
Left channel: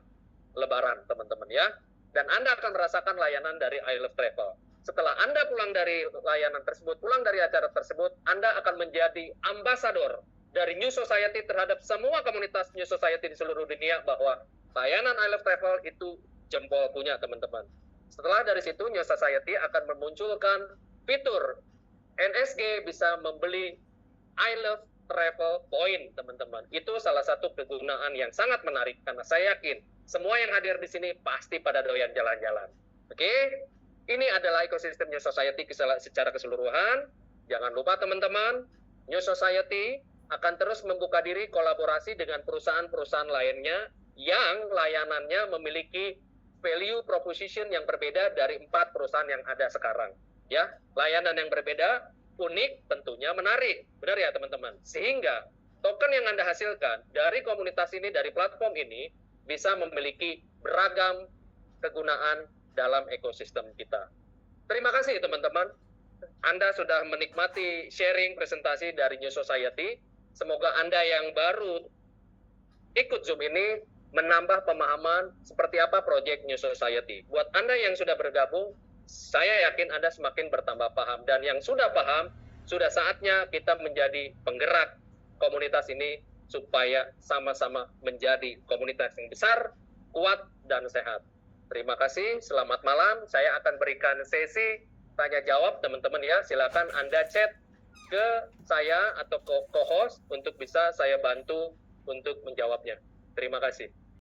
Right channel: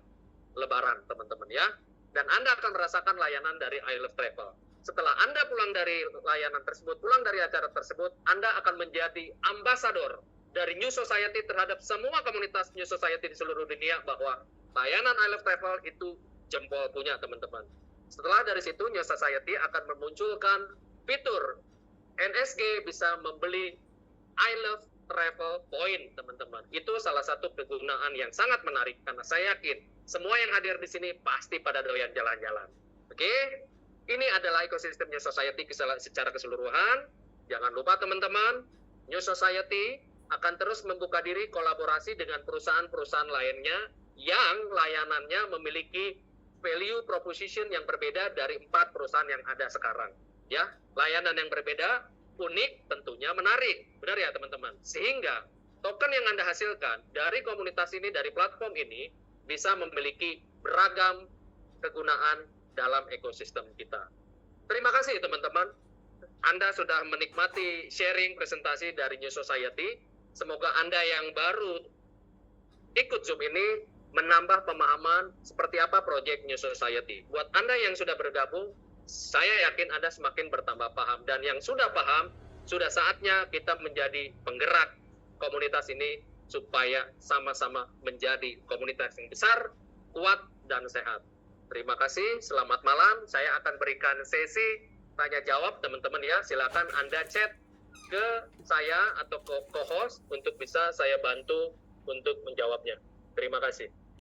lebaran, teman-teman ya. Dan Anda akan merasakan layanan dari I Love Travel. Setelah Anda pulang dari layanan tersebut, pulang dari acara tersebut, Anda akan menjadi ambasador dari New Society terhadap semua komunitas New Society di seluruh dunia bahwa layanan I Love Travel itu jempol punya, teman-teman. Setelah dari situ, New Society akan memunculkan fitur NSG bisa membeli I Love Travel Point, teman-teman. Itu salah satu kegunaan yang sangat menarik karena saya yakin semua yang hadir di sini pasti pada doyan jalan-jalan. Oke? Ini adalah ekosistem New Society secara keseluruhan. Jangan lupa teman-teman, New Society akan terus membuka diri kolaborasi dengan perusahaan-perusahaan lainnya yang layanannya memiliki value proposition yang berbeda dari 4 perusahaan yang ada sekarang. Ya, layanan yang berbeda, unik, tentunya menarik. Benar ya teman-teman? Sehingga token yang Anda hasilkan dari komunitas ini, dari platform ini, bisa memiliki beragam kegunaan dalam ekosistem kita. Terima kasih teman-teman. Anda sudah menikmati sharing presentasi dari New Society. Semoga Anda yang baru ikut Zoom ini menambah pemahaman seperti apa proyek New Society. Buat Anda yang sudah bergabung, saya yakin Anda semakin bertambah paham. Dan yang sudah paham, sudah saatnya kita menjadi penggerak komunitas ini supaya sama-sama menjadi komunitas yang besar, kuat, dan sehat. Terima kasih, selamat malam. Saya akan berikan sesi tanya-jawab, teman-teman ya. Silakan Anda chat ke saya atau ke co-host untuk bisa saya bantu untuk menjawabnya. Terima kasih.